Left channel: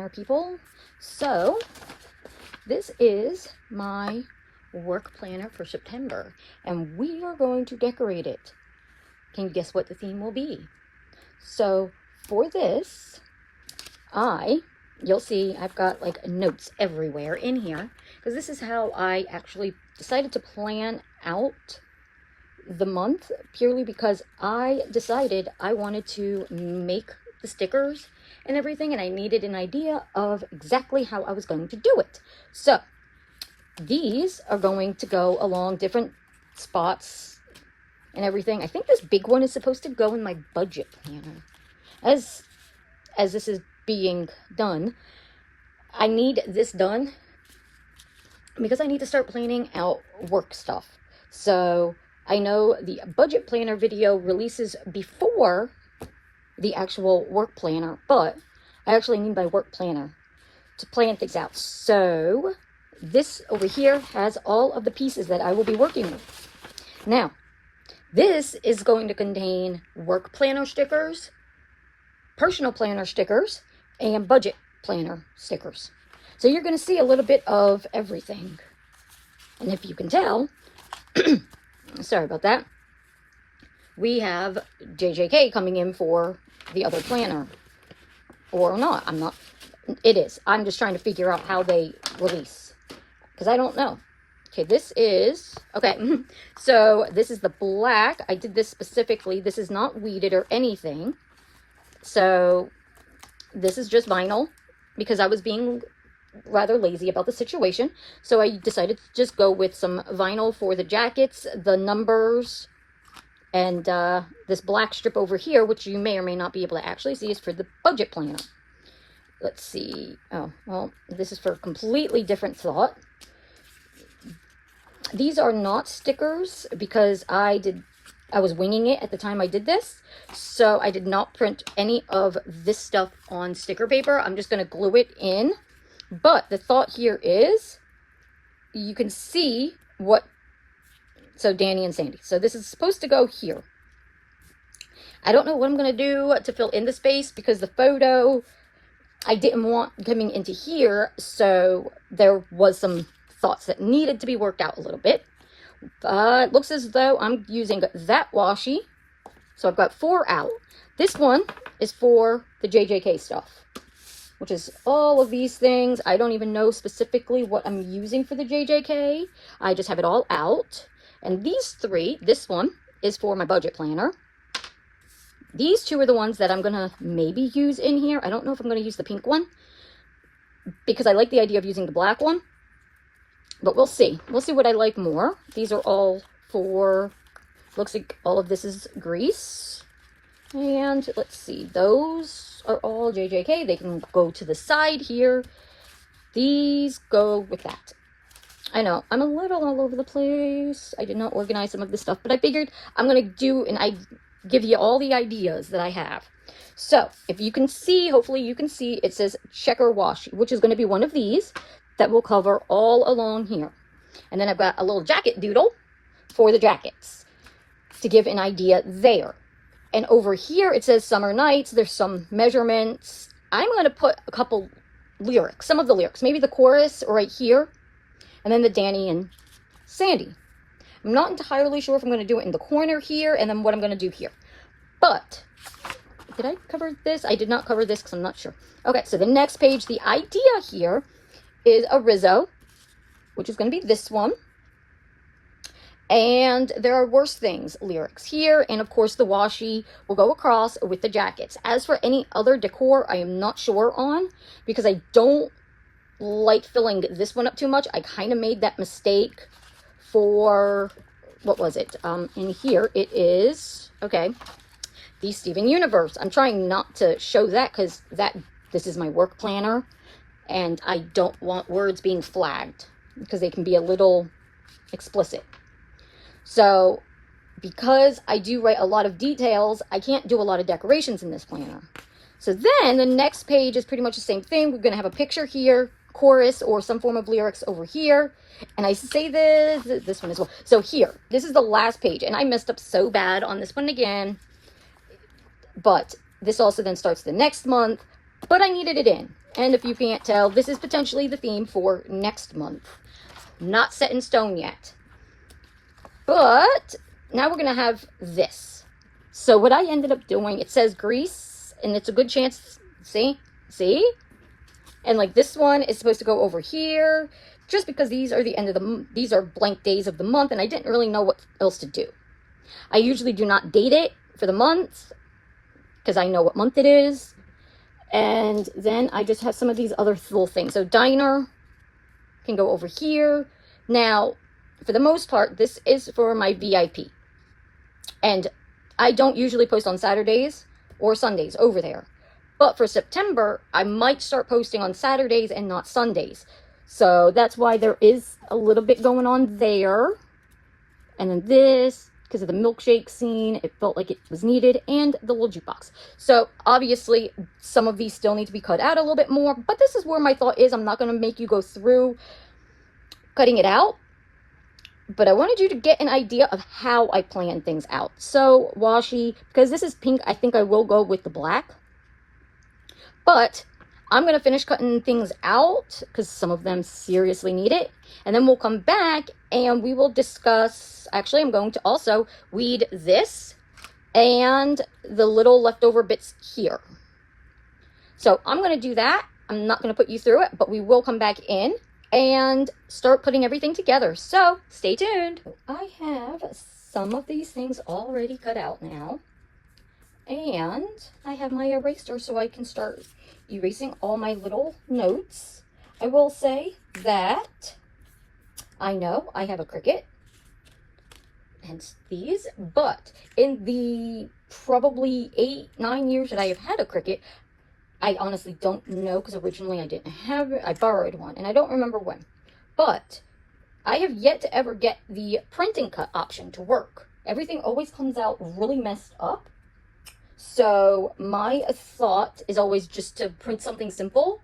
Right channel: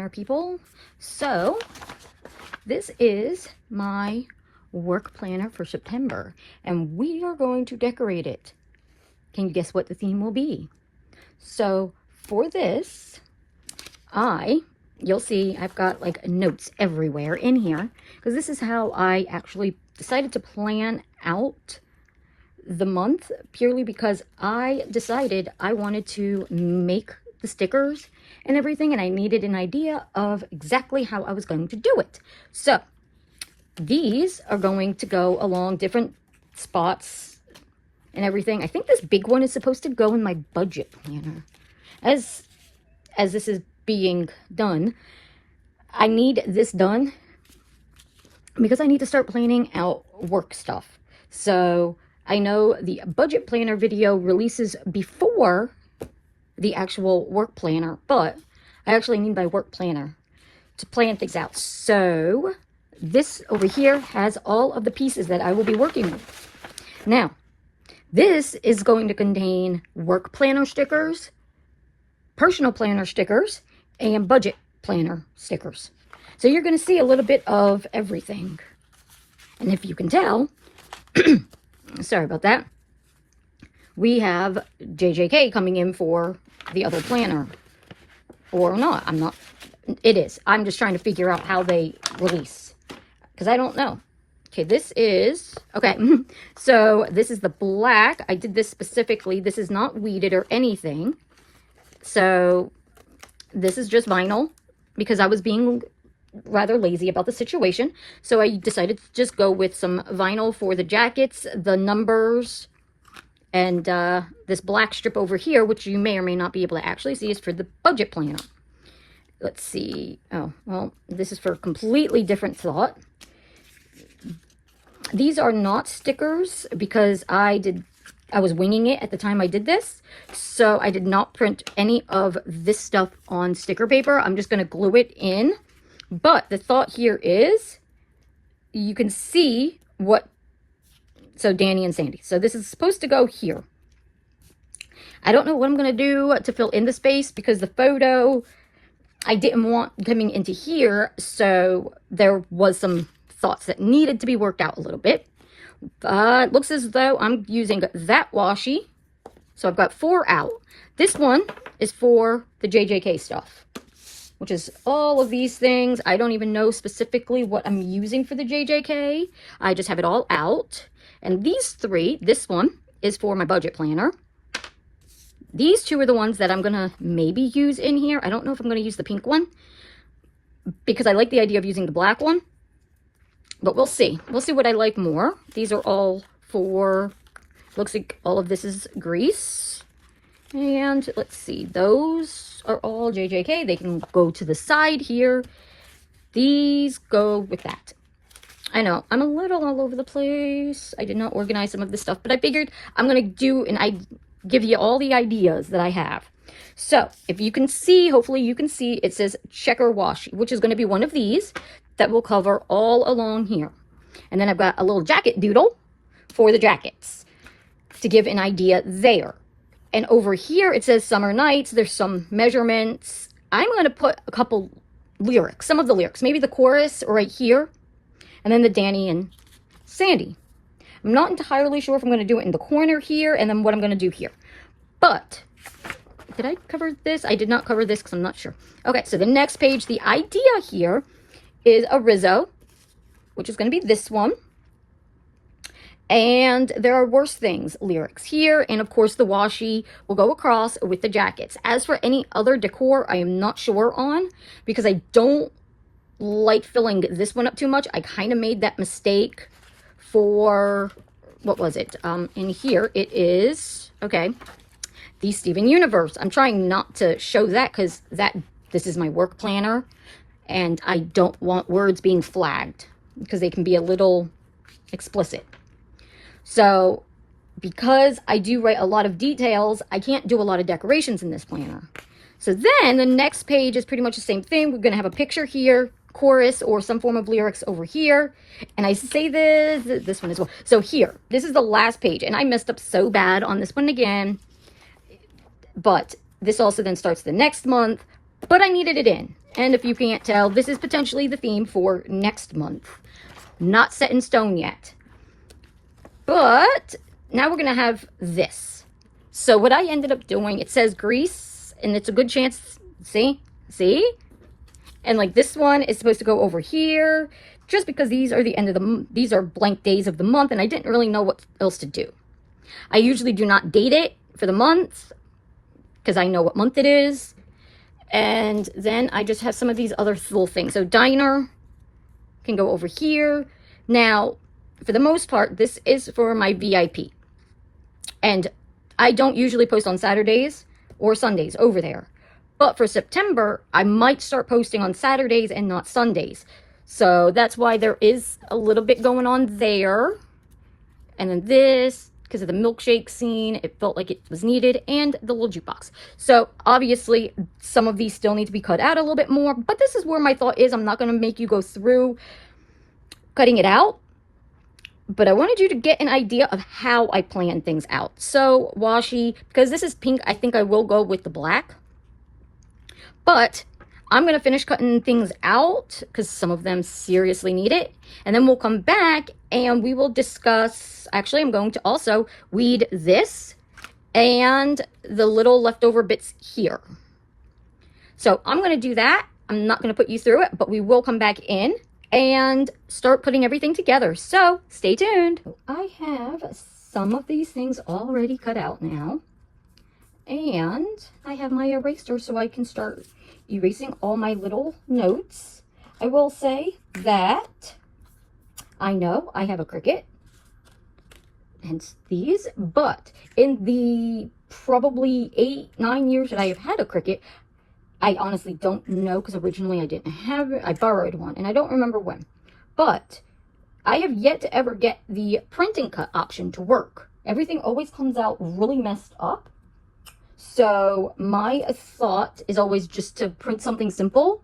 planner, people. So this is my work planner for September, and we are going to decorate it. Can you guess what the theme will be? So for this, you'll see I've got like notes everywhere in here, because this is how I actually decided to plan out the month, purely because I decided I wanted to make the stickers and everything, and I needed an idea of exactly how I was going to do it. So these are going to go along different spots and everything. I think this big one is supposed to go in my budget planner. As this is being done, I need this done because I need to start planning out work stuff. So I know the budget planner video releases before the actual work planner, but I actually need my work planner to plan things out. So this over here has all of the pieces that I will be working with. Now, this is going to contain work planner stickers, personal planner stickers, and budget planner stickers. So you're going to see a little bit of everything. And if you can tell, sorry about that, we have JJK coming in for the other planner. Or not. It is. I'm just trying to figure out how they release, because I don't know. Okay, this is, okay, so this is the black. I did this specifically. This is not weeded or anything. So this is just vinyl, because I was being rather lazy about the situation. So I decided to just go with some vinyl for the jackets, the numbers, and this black strip over here, which you may or may not be able to actually see, is for the budget planner. Let's see. Oh, well, this is for a completely different thought. These are not stickers because I was winging it at the time I did this. So I did not print any of this stuff on sticker paper. I'm just going to glue it in. But the thought here is, you can see what, so Danny and Sandy. So this is supposed to go here. I don't know what I'm going to do to fill in the space, because the photo I didn't want coming into here. So there was some thoughts that needed to be worked out a little bit. It looks as though I'm using that washi. So I've got 4 out. This one is for the JJK stuff, which is all of these things. I don't even know specifically what I'm using for the JJK. I just have it all out. And these 3, this one is for my budget planner. These 2 are the ones that I'm gonna maybe use in here. I don't know if I'm gonna use the pink one, because I like the idea of using the black one, but we'll see. We'll see what I like more. These are all for, looks like all of this is grease. And let's see, those are all JJK. They can go to the side here. These go with that. I know, I'm a little all over the place. I did not organize some of this stuff, but I figured I'm gonna do, and I give you all the ideas that I have. So if you can see, hopefully you can see, it says checker washi, which is going to be one of these that will cover all along here. And then I've got a little jacket doodle for the jackets to give an idea there. And over here it says summer nights. There's some measurements. I'm going to put a couple lyrics, some of the lyrics, maybe the chorus right here, and then the Danny and Sandy. I'm not entirely sure if I'm going to do it in the corner here and then what I'm going to do here. But, did I cover this? I did not cover this because I'm not sure. Okay, so the next page, the idea here is a Rizzo, which is going to be this one. And there are worse things lyrics here. And of course, the washi will go across with the jackets. As for any other decor, I am not sure on, because I don't like filling this one up too much. I kind of made that mistake for, what was it? In here it is, okay, the Steven Universe. I'm trying not to show that because this is my work planner, and I don't want words being flagged because they can be a little explicit. So because I do write a lot of details, I can't do a lot of decorations in this planner. So then the next page is pretty much the same thing. We're going to have a picture here, chorus or some form of lyrics over here. And I say this one as well. So here, this is the last page, and I messed up so bad on this one again. But this also then starts the next month, but I needed it in. And if you can't tell, this is potentially the theme for next month. Not set in stone yet. But now we're going to have this. So what I ended up doing, it says Greece, and it's a good chance, see? And like this one is supposed to go over here, just because these are the end of the, these are blank days of the month, and I didn't really know what else to do. I usually do not date it for the month, because I know what month it is. And then I just have some of these other little things. So diner can go over here. Now, for the most part, this is for my VIP. And I don't usually post on Saturdays or Sundays over there. But for September, I might start posting on Saturdays and not Sundays. So that's why there is a little bit going on there. And then this, because of the milkshake scene, it felt like it was needed, and the little jukebox. So obviously some of these still need to be cut out a little bit more, but this is where my thought is. I'm not going to make you go through cutting it out, but I wanted you to get an idea of how I plan things out. So washi, because this is pink, I think I will go with the black, but I'm going to finish cutting things out because some of them seriously need it. And then we'll come back and we will discuss, actually I'm going to also weed this and the little leftover bits here. So I'm going to do that. I'm not going to put you through it, but we will come back in and start putting everything together. So stay tuned. I have some of these things already cut out now. And I have my eraser so I can start erasing all my little notes. I will say that I know I have a Cricut, hence these, but in the probably 8-9 years that I have had a Cricut, I honestly don't know, because originally I didn't have it. I borrowed one and I don't remember when, but I have yet to ever get the printing cut option to work. Everything always comes out really messed up. So my thought is always just to print something simple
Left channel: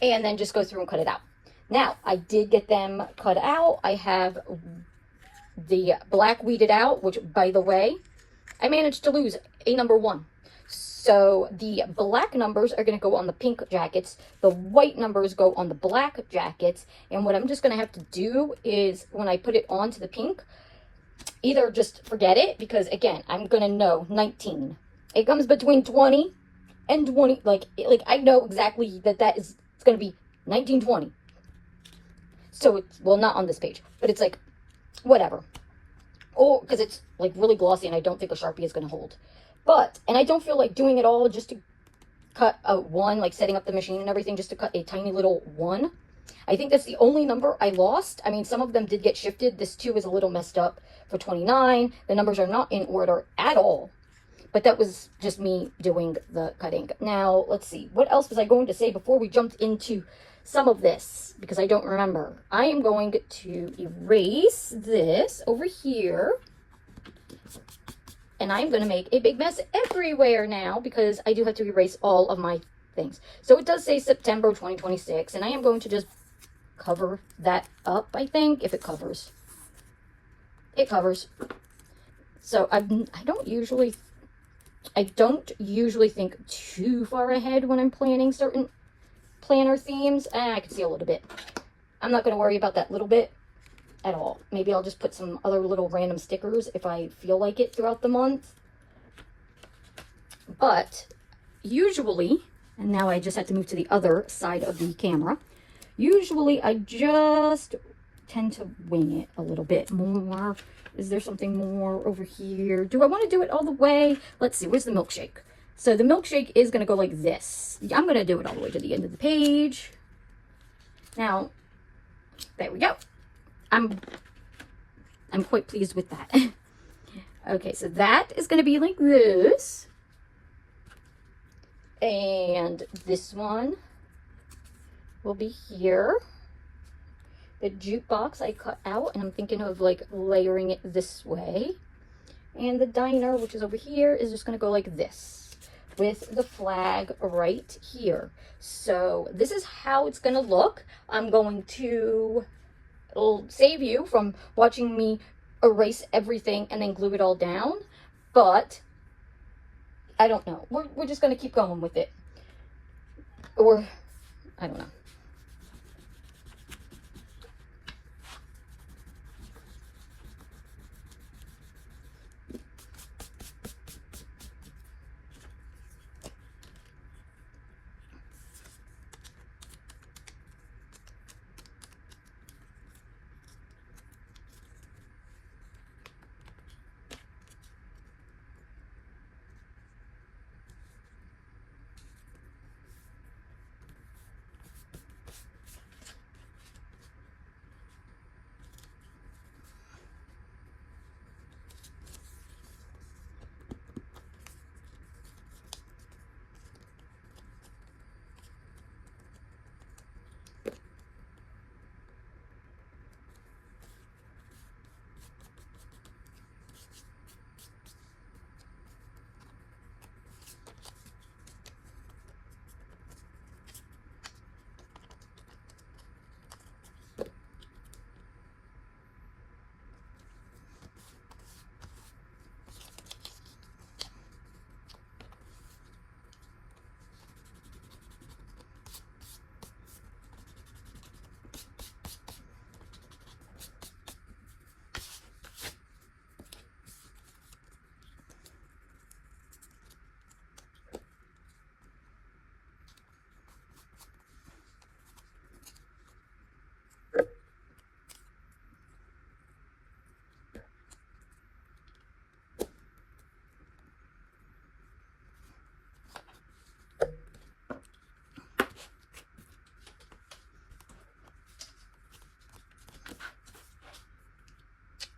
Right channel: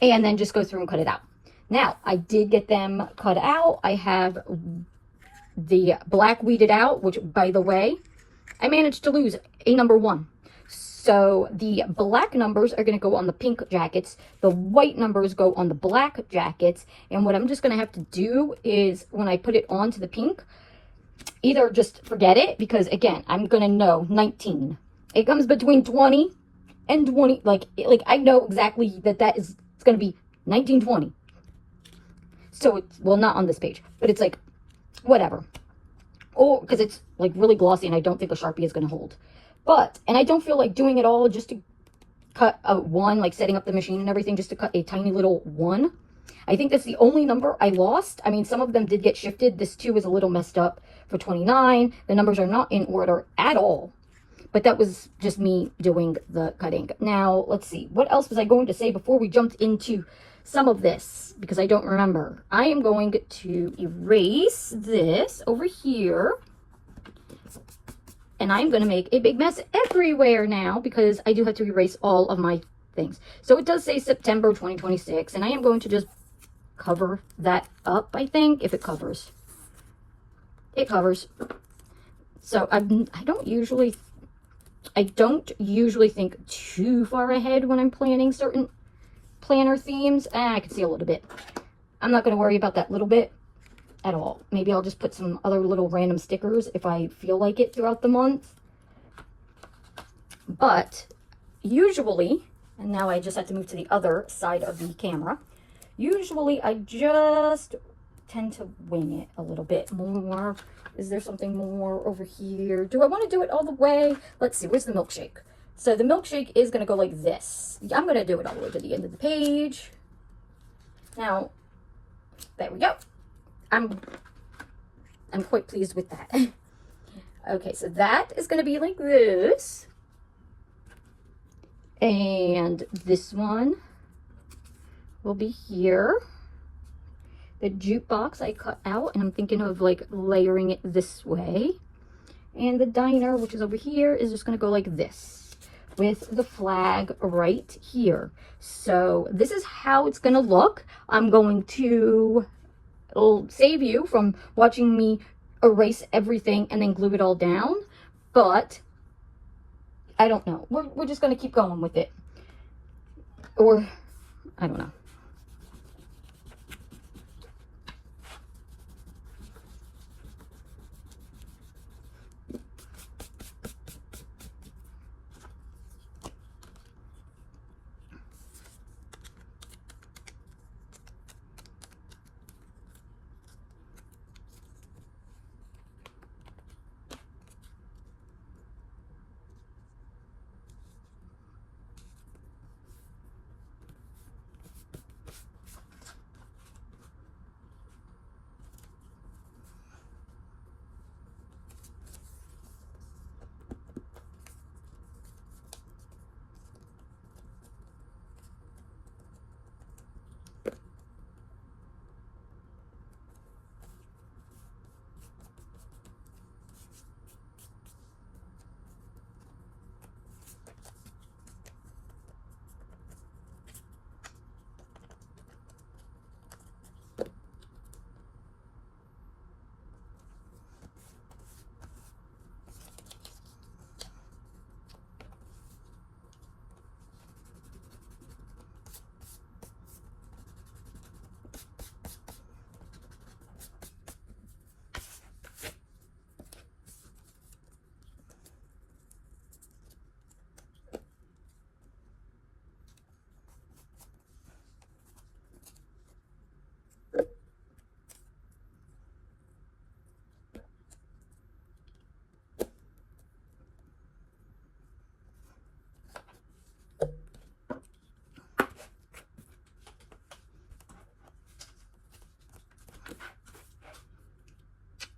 and then just go through and cut it out. Now, I did get them cut out. I have the black weeded out, which, by the way, I managed to lose a number 1. So the black numbers are going to go on the pink jackets. The white numbers go on the black jackets. And what I'm just going to have to do is, when I put it onto the pink, either just forget it, because again, I'm going to know 19. It comes between 20 and 20. Like I know exactly that it's going to be 1920. So it's, well, not on this page, but it's like, whatever. Or, because it's like really glossy and I don't think a Sharpie is going to hold. But, and I don't feel like doing it all just to cut out 1, like setting up the machine and everything, just to cut a tiny little 1. I think that's the only number I lost. I mean, some of them did get shifted. This 2 is a little messed up for 29. The numbers are not in order at all. But that was just me doing the cutting. Now, let's see. What else was I going to say before we jumped into some of this? Because I don't remember. I am going to erase this over here. And I'm going to make a big mess everywhere now, because I do have to erase all of my things. So it does say September 2026. And I am going to just cover that up, I think, if it covers. It covers. So I don't usually think too far ahead when I'm planning certain planner themes. I can see a little bit. I'm not going to worry about that little bit at all. Maybe I'll just put some other little random stickers if I feel like it throughout the month. But usually, and now I just have to move to the other side of the camera, usually I just tend to wing it a little bit more. Is there something more over here? Do I want to do it all the way? Let's see, where's the milkshake? So the milkshake is going to go like this. I'm going to do it all the way to the end of the page. Now, there we go. I'm quite pleased with that. Okay, so that is going to be like this. And this one will be here. The jukebox I cut out, and I'm thinking of like layering it this way. And the diner, which is over here, is just going to go like this with the flag right here. So this is how it's going to look. I'm going to save you from watching me erase everything and then glue it all down, but I don't know. We're just going to keep going with it. Or I don't know.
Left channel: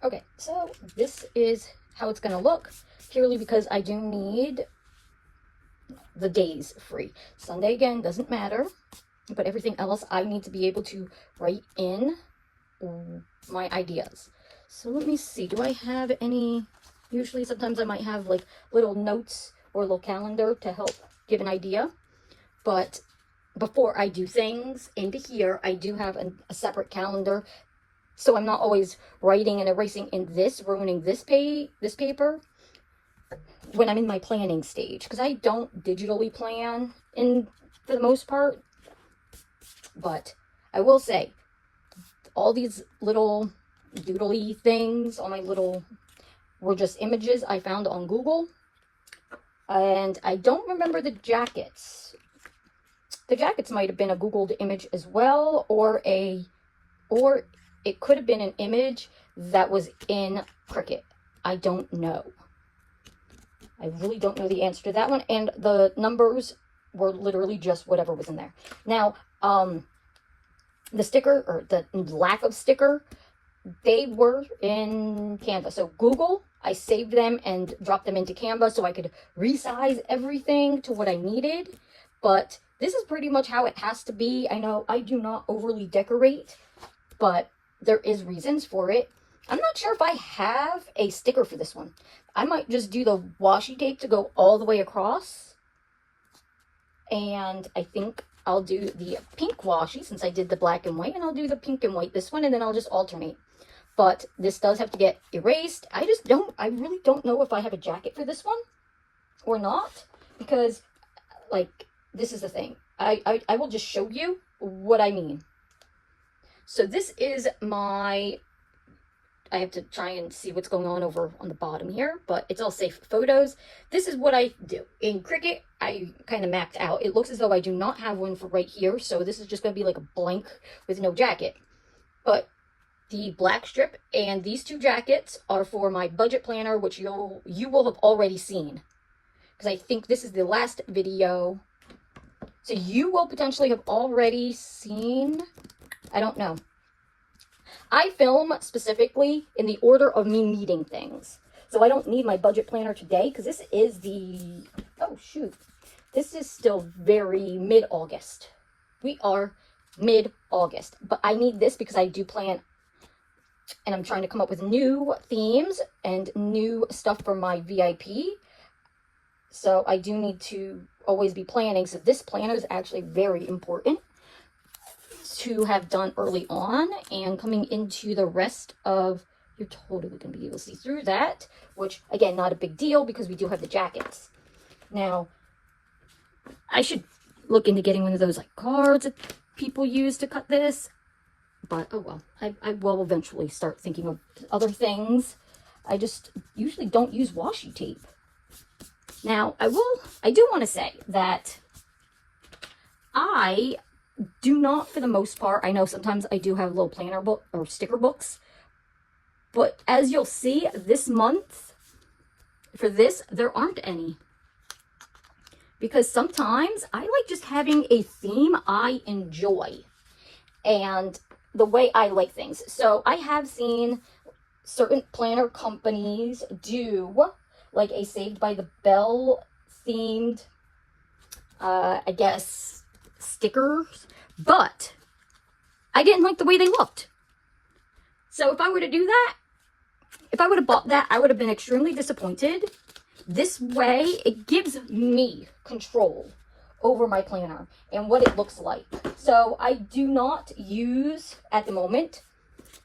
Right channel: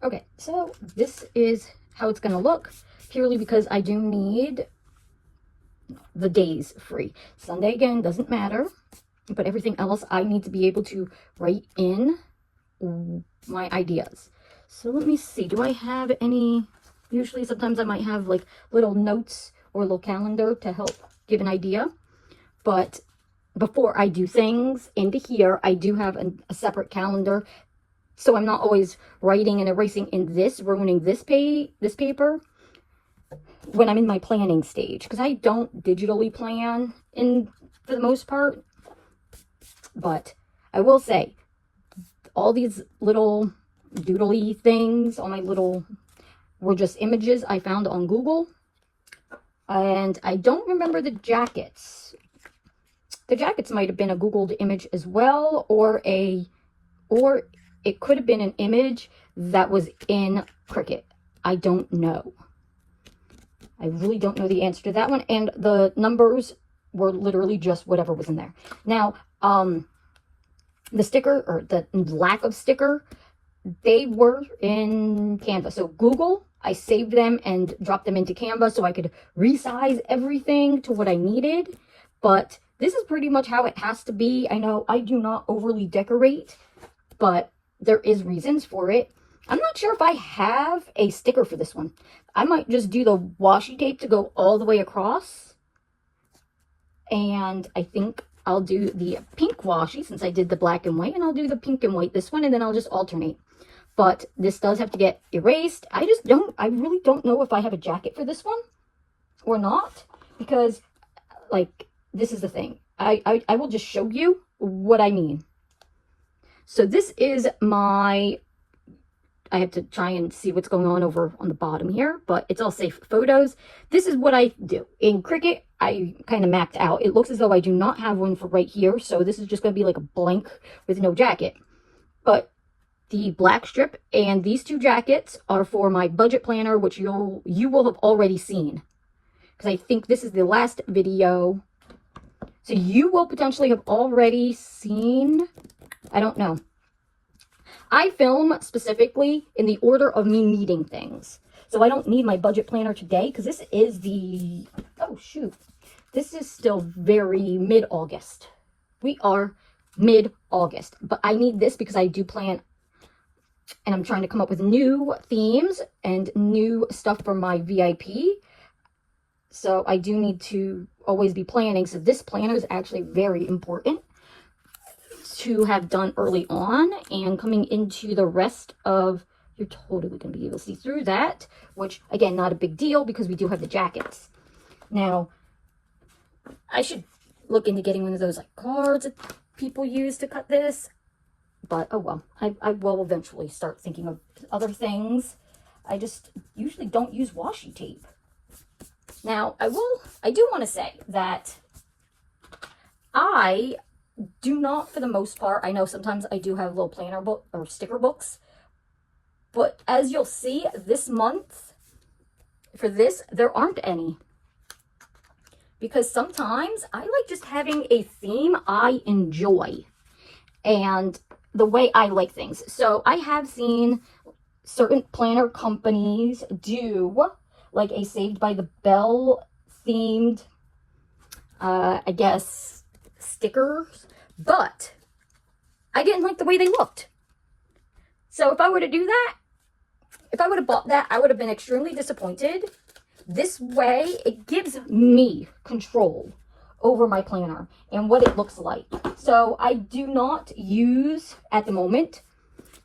Okay, so this is how it's gonna look, purely because I do need the days free. Sunday, again, doesn't matter, but everything else I need to be able to write in my ideas. So let me see, do I have any, usually sometimes I might have like little notes or a little calendar to help give an idea, but before I do things into here, I do have a separate calendar, so I'm not always writing and erasing in this, ruining this paper when I'm in my planning stage, because I don't digitally plan for the most part. But I will say, all these little doodly things, all my little, were just images I found on Google. And I don't remember the jackets. The jackets might have been a Googled image as well, or it could have been an image that was in Cricut. I don't know. I really don't know the answer to that one. And the numbers were literally just whatever was in there. Now, the sticker, or the lack of sticker, they were in Canva. So Google, I saved them and dropped them into Canva so I could resize everything to what I needed. But this is pretty much how it has to be. I know I do not overly decorate, but there is reasons for it. I'm not sure if I have a sticker for this one. I might just do the washi tape to go all the way across. And I think I'll do the pink washi since I did the black and white, and I'll do the pink and white this one, and then I'll just alternate. But this does have to get erased. I really don't know if I have a jacket for this one or not, because like, this is the thing. I will just show you what I mean. So this is my, I have to try and see what's going on over on the bottom here, but it's all safe photos. This is what I do. In Cricut, I kind of mapped out. It looks as though I do not have one for right here, so this is just going to be like a blank with no jacket. But the black strip and these two jackets are for my budget planner, which you will have already seen, because I think this is the last video. So you will potentially have already seen, I don't know. I film specifically in the order of me needing things. So I don't need my budget planner today, because this is the, oh shoot, this is still very mid-August. We are mid-August, but I need this because I do plan, and I'm trying to come up with new themes and new stuff for my VIP. So I do need to always be planning. So this planner is actually very important to have done early on, and coming into the rest of, you're totally going to be able to see through that, which again, not a big deal because we do have the jackets. Now, I should look into getting one of those like cards that people use to cut this. But oh well, I will eventually start thinking of other things. I just usually don't use washi tape. Now, I do want to say that I do not, for the most part, I know sometimes I do have little planner book or sticker books, but as you'll see this month, for this, there aren't any. Because sometimes I like just having a theme I enjoy and the way I like things. So I have seen certain planner companies do like a Saved by the Bell themed, I guess, stickers, but I didn't like the way they looked. So if I were to do that, if I would have bought that, I would have been extremely disappointed. This way, it gives me control over my planner and what it looks like. So I do not use, at the moment,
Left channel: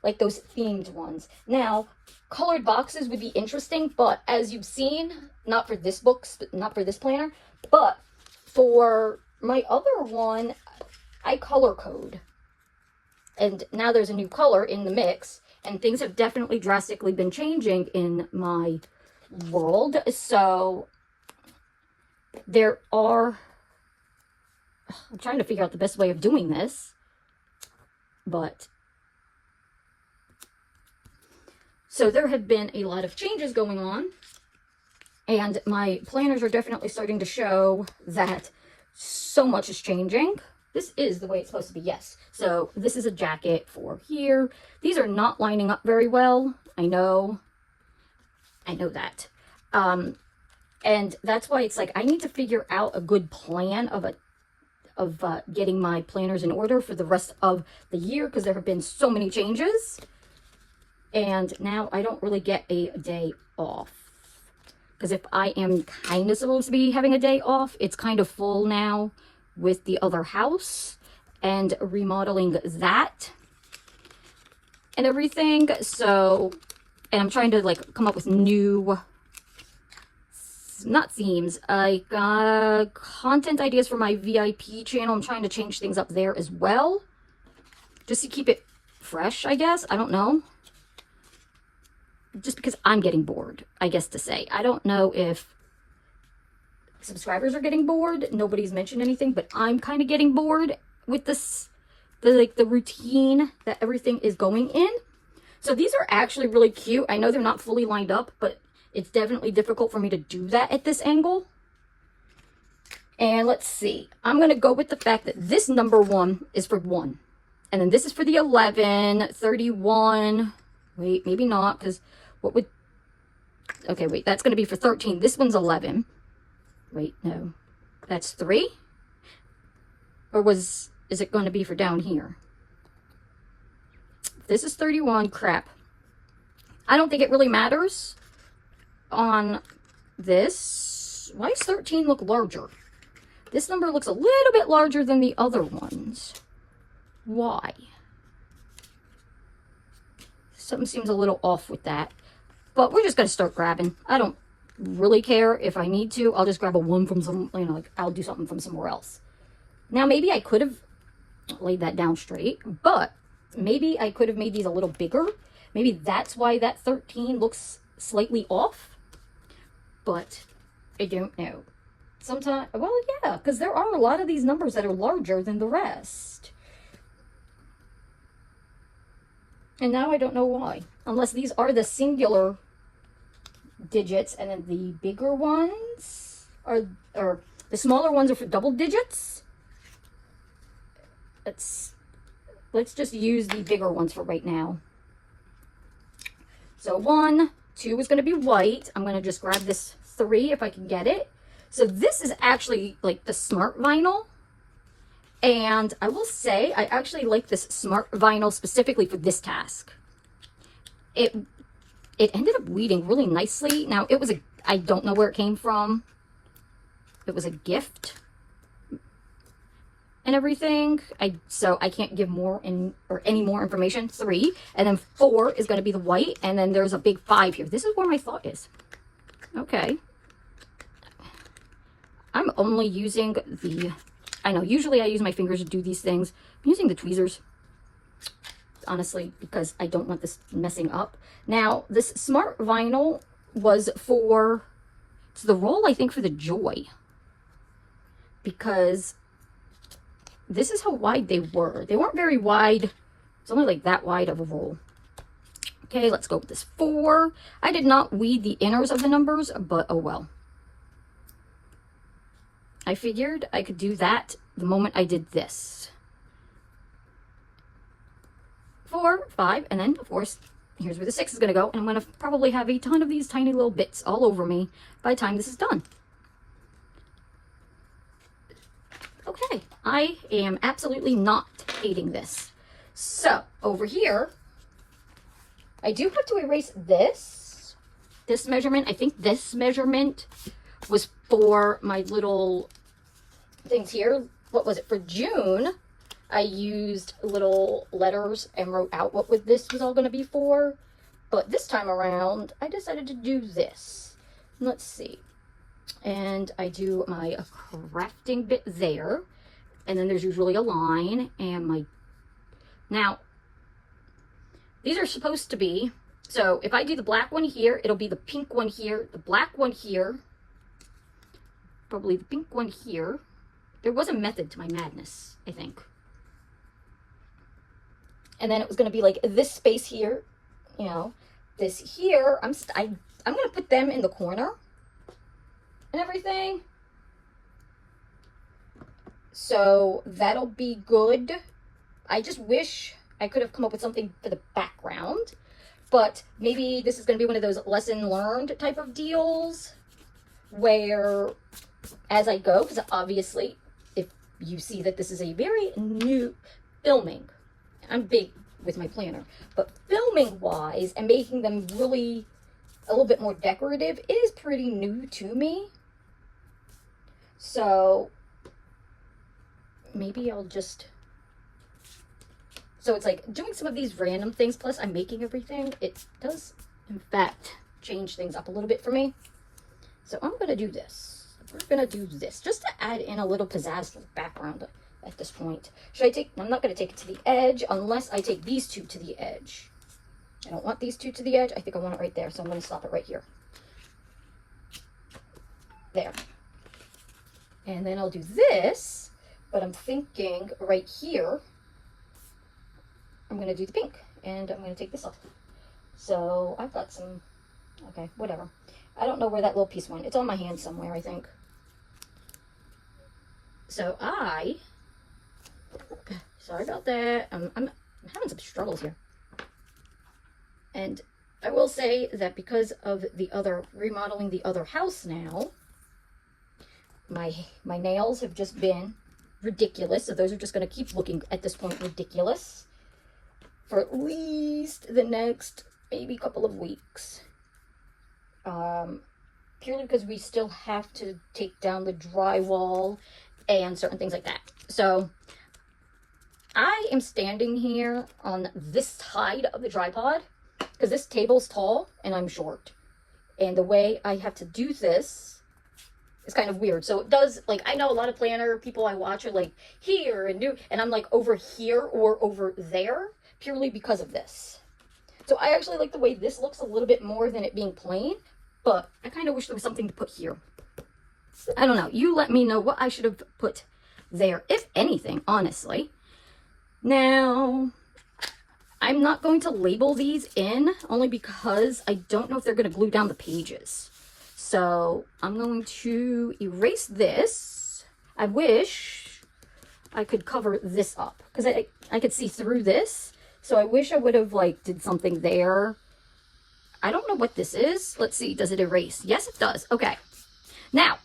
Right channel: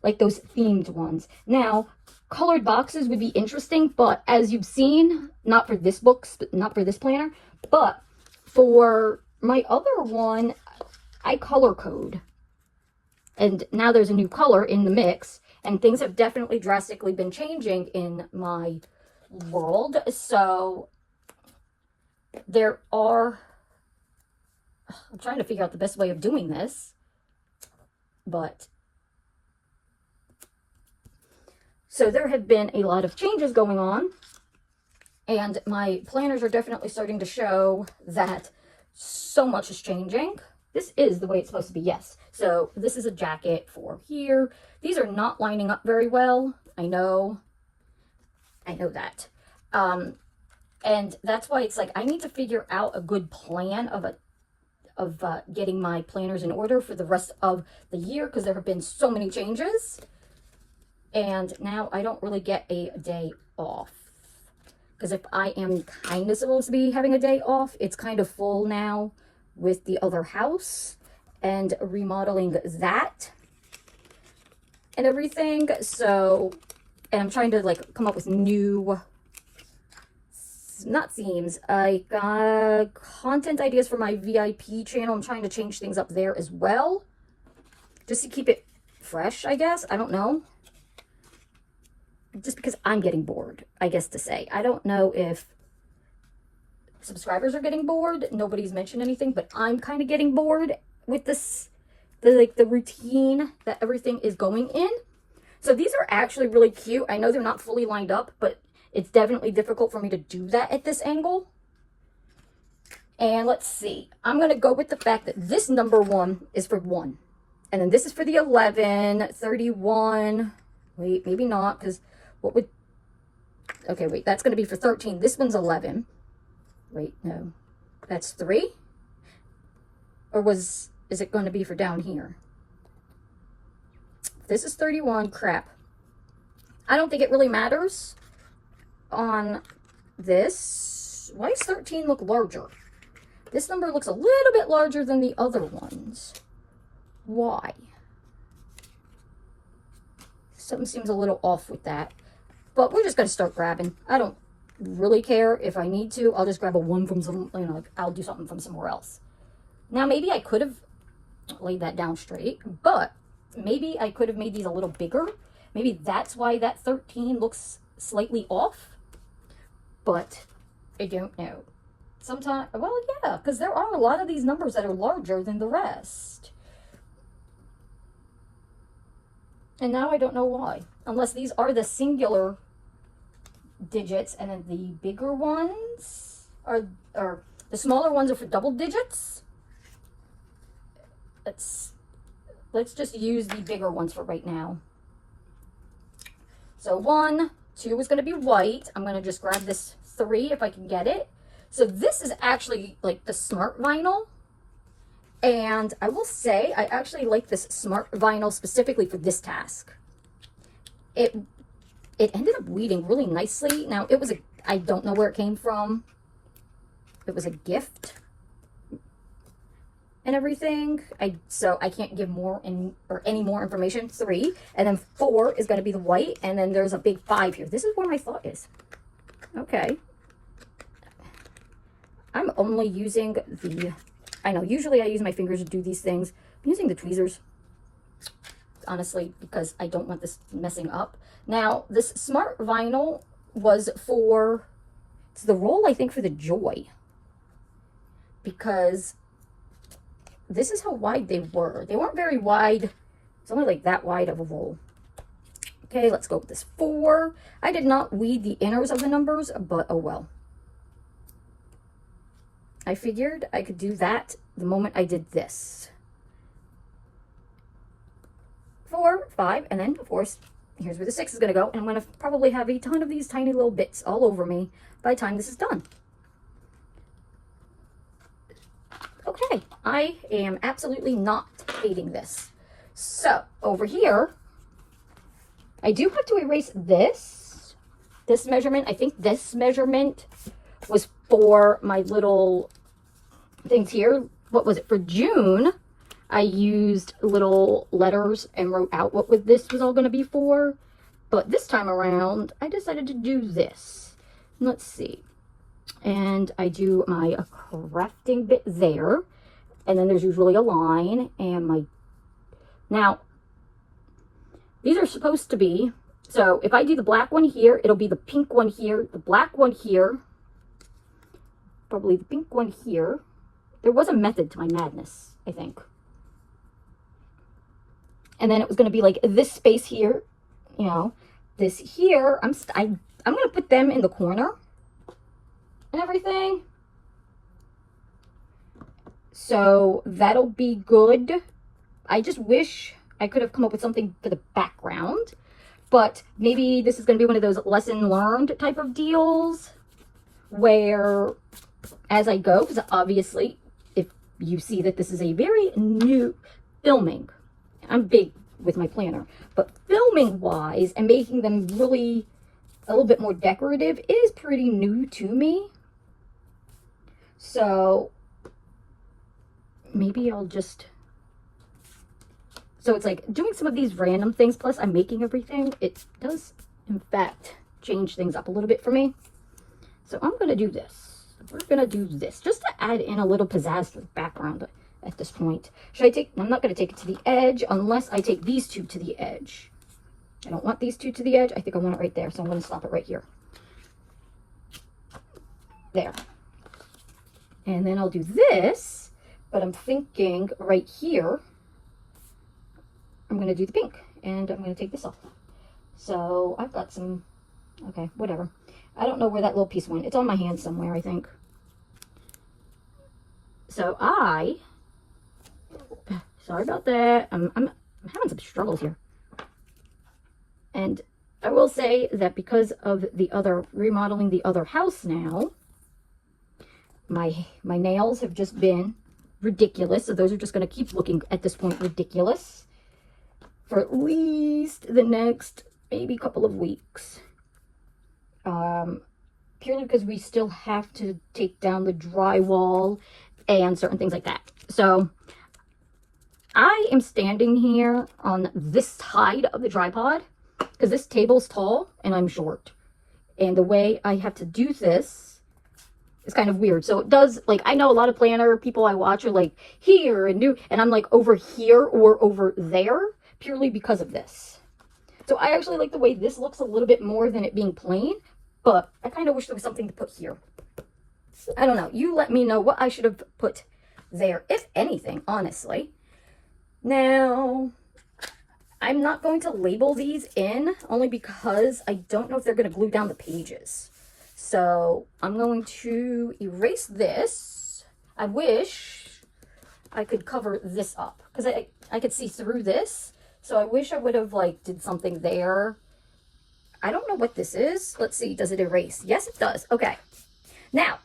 like those themed ones. Now, colored boxes would be interesting, but as you've seen, not for this book, not for this planner, but for my other one, I color code. And now there's a new color in the mix, and things have definitely drastically been changing in my world. So there are, I'm trying to figure out the best way of doing this, but so there have been a lot of changes going on, and my planners are definitely starting to show that so much is changing. This is the way it's supposed to be, yes. So this is a jacket for here. These are not lining up very well. I know that. And that's why it's like I need to figure out a good plan of getting my planners in order for the rest of the year, because there have been so many changes. And now I don't really get a day off. Because if I am kind of supposed to be having a day off, it's kind of full now with the other house and remodeling that and everything. So, and I'm trying to like come up with new, not themes, like content ideas for my VIP channel. I'm trying to change things up there as well, just to keep it fresh, I guess. I don't know. Just because I'm getting bored, I guess to say. I don't know if subscribers are getting bored. Nobody's mentioned anything, but I'm kind of getting bored with this, the routine that everything is going in. So these are actually really cute. I know they're not fully lined up, but it's definitely difficult for me to do that at this angle. And let's see. I'm going to go with the fact that this number 1 is for 1. And then this is for the 11, 31. Wait, maybe not, because what would... Okay, wait, that's going to be for 13. This one's 11. Wait, no. That's 3? Or is it going to be for down here? This is 31. Crap. I don't think it really matters on this. Why does 13 look larger? This number looks a little bit larger than the other ones. Why? Something seems a little off with that. But we're just going to start grabbing. I don't really care if I need to. I'll just grab a 1 from some, like I'll do something from somewhere else. Now, maybe I could have laid that down straight, but maybe I could have made these a little bigger. Maybe that's why that 13 looks slightly off. But I don't know. Sometimes, well, yeah, because there are a lot of these numbers that are larger than the rest. And now I don't know why. Unless these are the singular digits, and then the bigger ones are, or the smaller ones are for double digits. Let's just use the bigger ones for right now. So 1, 2 is going to be white. I'm going to just grab this 3 if I can get it. So this is actually like the smart vinyl. And I will say, I actually like this smart vinyl specifically for this task. It ended up weeding really nicely. Now, it was I don't know where it came from. It was a gift and everything. So I can't give more any more information. 3. And then 4 is going to be the white. And then there's a big 5 here. This is where my thought is. Okay. I'm only using the I know, usually I use my fingers to do these things. I'm using the tweezers, honestly, because I don't want this messing up. Now, this Smart Vinyl was for, it's the roll, I think, for the Joy. Because this is how wide they were. They weren't very wide. It's only like that wide of a roll. Okay, let's go with this 4. I did not weed the inners of the numbers, but oh well. I figured I could do that the moment I did this. 4, 5, and then, of course, here's where the 6 is going to go. And I'm going to probably have a ton of these tiny little bits all over me by the time this is done. Okay, I am absolutely not hating this. So, over here, I do have to erase this measurement. I think this measurement was for my little things here. What was it? For June, I used little letters and wrote out what this was all going to be for. But this time around, I decided to do this. Let's see. And I do my crafting bit there. And then there's usually a line and my... Now, these are supposed to be... So if I do the black one here, it'll be the pink one here, the black one here, probably the pink one here. There was a method to my madness, I think. And then it was going to be like this space here, you know, this here. I'm going to put them in the corner and everything. So that'll be good. I just wish I could have come up with something for the background. But maybe this is going to be one of those lesson learned type of deals where as I go, because obviously if you see that this is a very new filming, I'm big with my planner, but filming wise and making them really a little bit more decorative is pretty new to me. So maybe I'll just... So it's like doing some of these random things, plus I'm making everything. It does, in fact, change things up a little bit for me. So I'm going to do this. We're going to do this just to add in a little pizzazz to the background at this point. Should I take... I'm not going to take it to the edge unless I take these two to the edge. I don't want these two to the edge. I think I want it right there. So I'm going to stop it right here. There. And then I'll do this, but I'm thinking right here, I'm going to do the pink, and I'm going to take this off. So I've got some, okay, whatever. I don't know where that little piece went. It's on my hand somewhere, I think. So sorry about that. I'm having some struggles here. And I will say that because of the other, remodeling the other house now, my nails have just been ridiculous. So those are just going to keep looking, at this point, ridiculous for at least the next maybe couple of weeks. Purely because we still have to take down the drywall and certain things like that. So I am standing here on this side of the tripod because this table's tall and I'm short. And the way I have to do this is kind of weird. So it does, like, I know a lot of planner people I watch are like here and I'm like over here or over there purely because of this. So I actually like the way this looks a little bit more than it being plain, but I kind of wish there was something to put here. I don't know. You let me know what I should have put there, if anything, honestly. Now, I'm not going to label these in, only because I don't know if they're going to glue down the pages. So I'm going to erase this. I wish I could cover this up, because I could see through this. So I wish I would have, like, did something there. I don't know what this is. Let's see. Does it erase? Yes, it does. Okay. Now,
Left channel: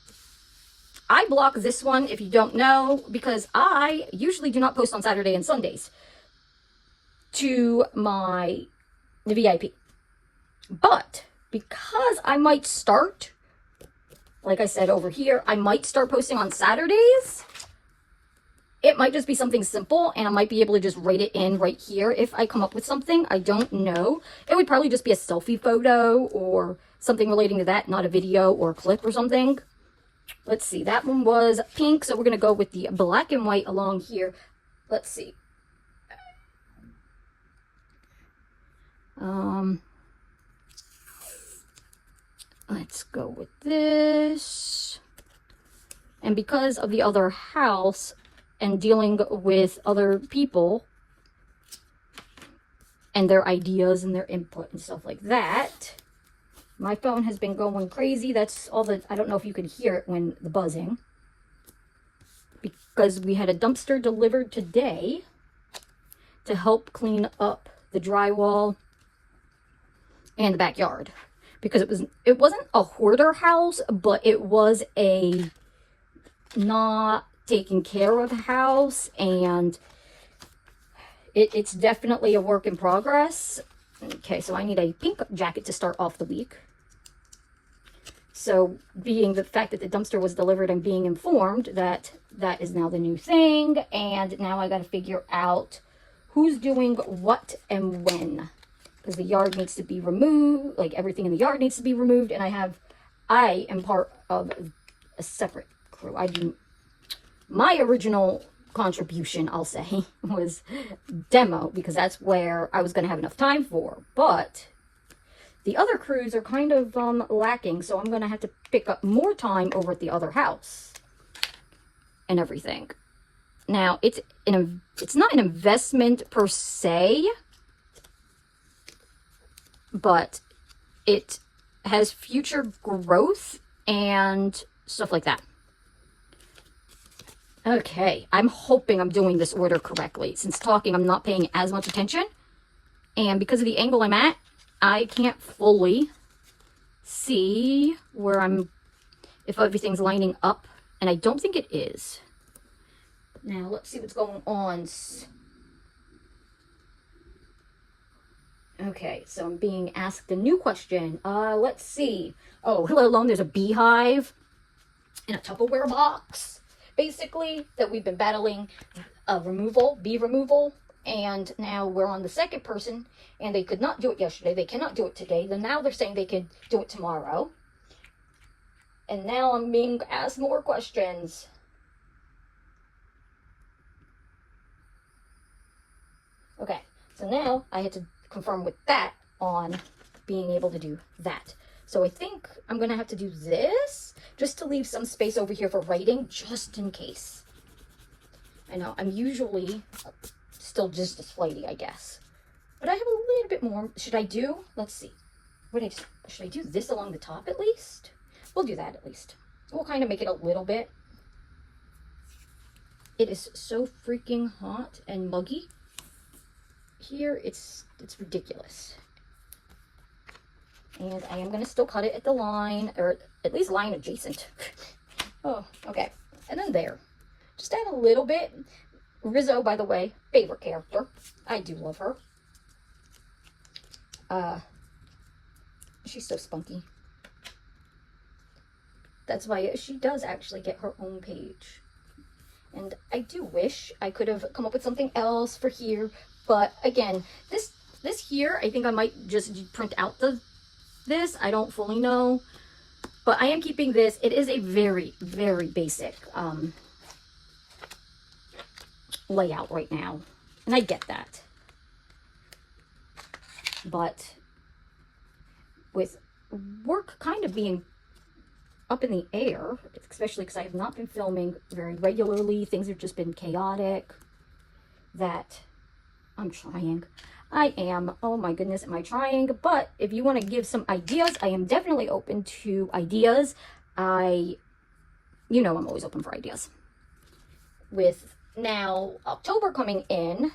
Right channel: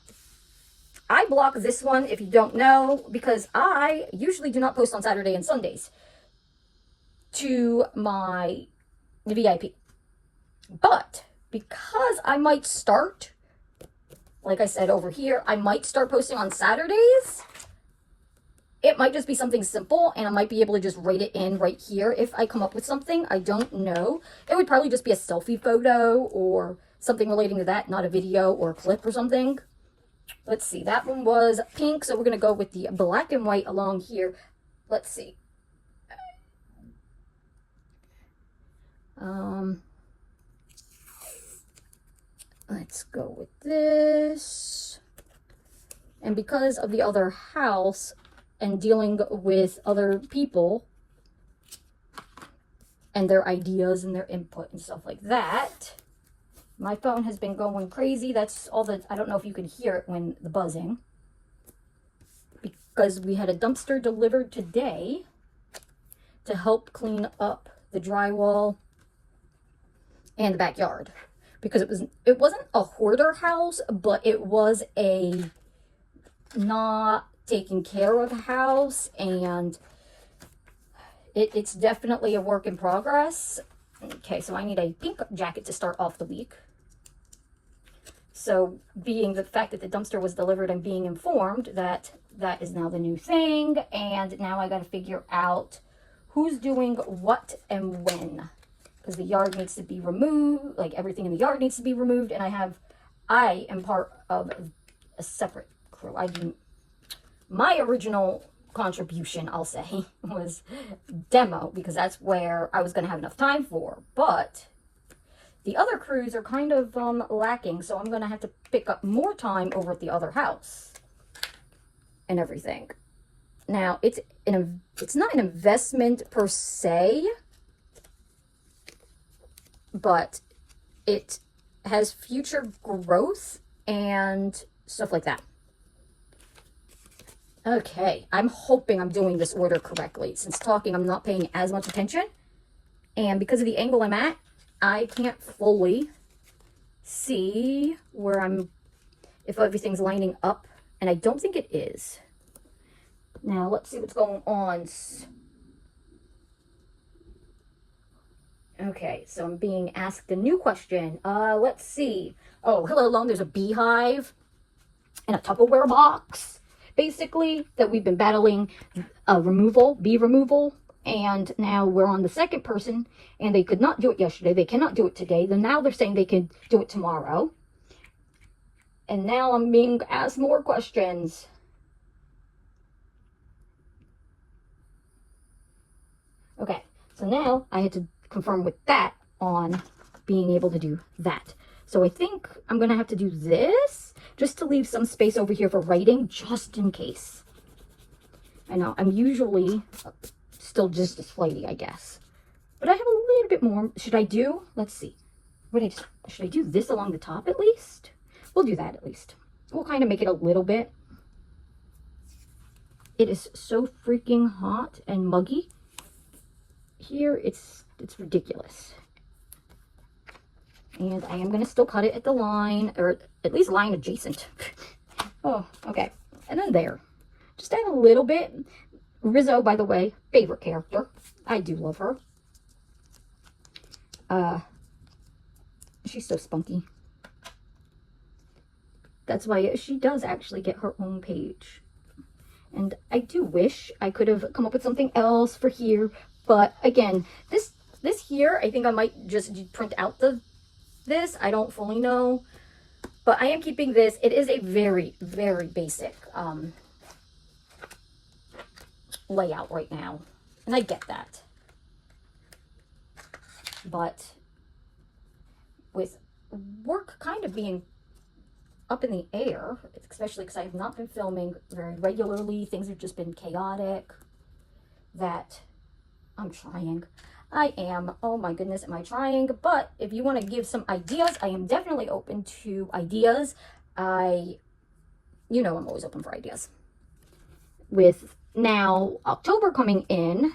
I block this one, if you don't know, because I usually do not post on Saturday and Sundays to my VIP. But because I might start, like I said over here, I might start posting on Saturdays. It might just be something simple, and I might be able to just write it in right here if I come up with something. I don't know. It would probably just be a selfie photo or something relating to that, not a video or a clip or something. let's see, that one was pink, so we're going to go with the black and white along here. Let's see. Let's go with this. And because of the other house and dealing with other people and their ideas and their input and stuff like that, my phone has been going crazy. That's all that, I don't know if you can hear it when the buzzing. Because we had a dumpster delivered today to help clean up the drywall and the backyard. Because it wasn't a hoarder house, but it was a not taken care of house, and it's definitely a work in progress. Okay, so I need a pink jacket to start off the week. So being the fact that the dumpster was delivered and being informed that that is now the new thing, and now I got to figure out who's doing what and when, because the yard needs to be removed, like everything in the yard needs to be removed, and I am part of a separate crew. My original contribution, I'll say, was demo, because that's where I was going to have enough time for, but the other crews are kind of lacking, so I'm going to have to pick up more time over at the other house and everything. Now, it's not an investment per se, but it has future growth and stuff like that. Okay, I'm hoping I'm doing this order correctly. Since talking, I'm not paying as much attention. And because of the angle I'm at, I can't fully see where if everything's lining up. And I don't think it is. Now, let's see what's going on. Okay, so I'm being asked a new question. Let's see. Oh, hello, alone. There's a beehive and a Tupperware box, basically, that we've been battling bee removal. And now we're on the second person, and they could not do it yesterday. They cannot do it today. Then now they're saying they could do it tomorrow. And now I'm being asked more questions. Okay, so now I had to confirm with that on being able to do that. So I think I'm going to have to do this just to leave some space over here for writing, just in case. I know, I'm usually still just as flighty, I guess. But I have a little bit more. Should I do? Let's see. Should I do this along the top at least? We'll do that at least. We'll kind of make it a little bit. It is so freaking hot and muggy. Here, it's ridiculous. And I am going to still cut it at the line, or at least line adjacent. Oh, okay. And then there. Just add a little bit. Rizzo, by the way, favorite character. I do love her. She's so spunky. That's why she does actually get her own page. And I do wish I could have come up with something else for here. But again, this here, I think I might just print out this. I don't fully know. But I am keeping this. It is a very, very basic layout right now. And I get that. But with work kind of being up in the air, especially because I have not been filming very regularly, things have just been chaotic, that I'm trying. I am. Oh my goodness, am I trying? But if you want to give some ideas, I am definitely open to ideas. I'm always open for ideas. With now October coming in,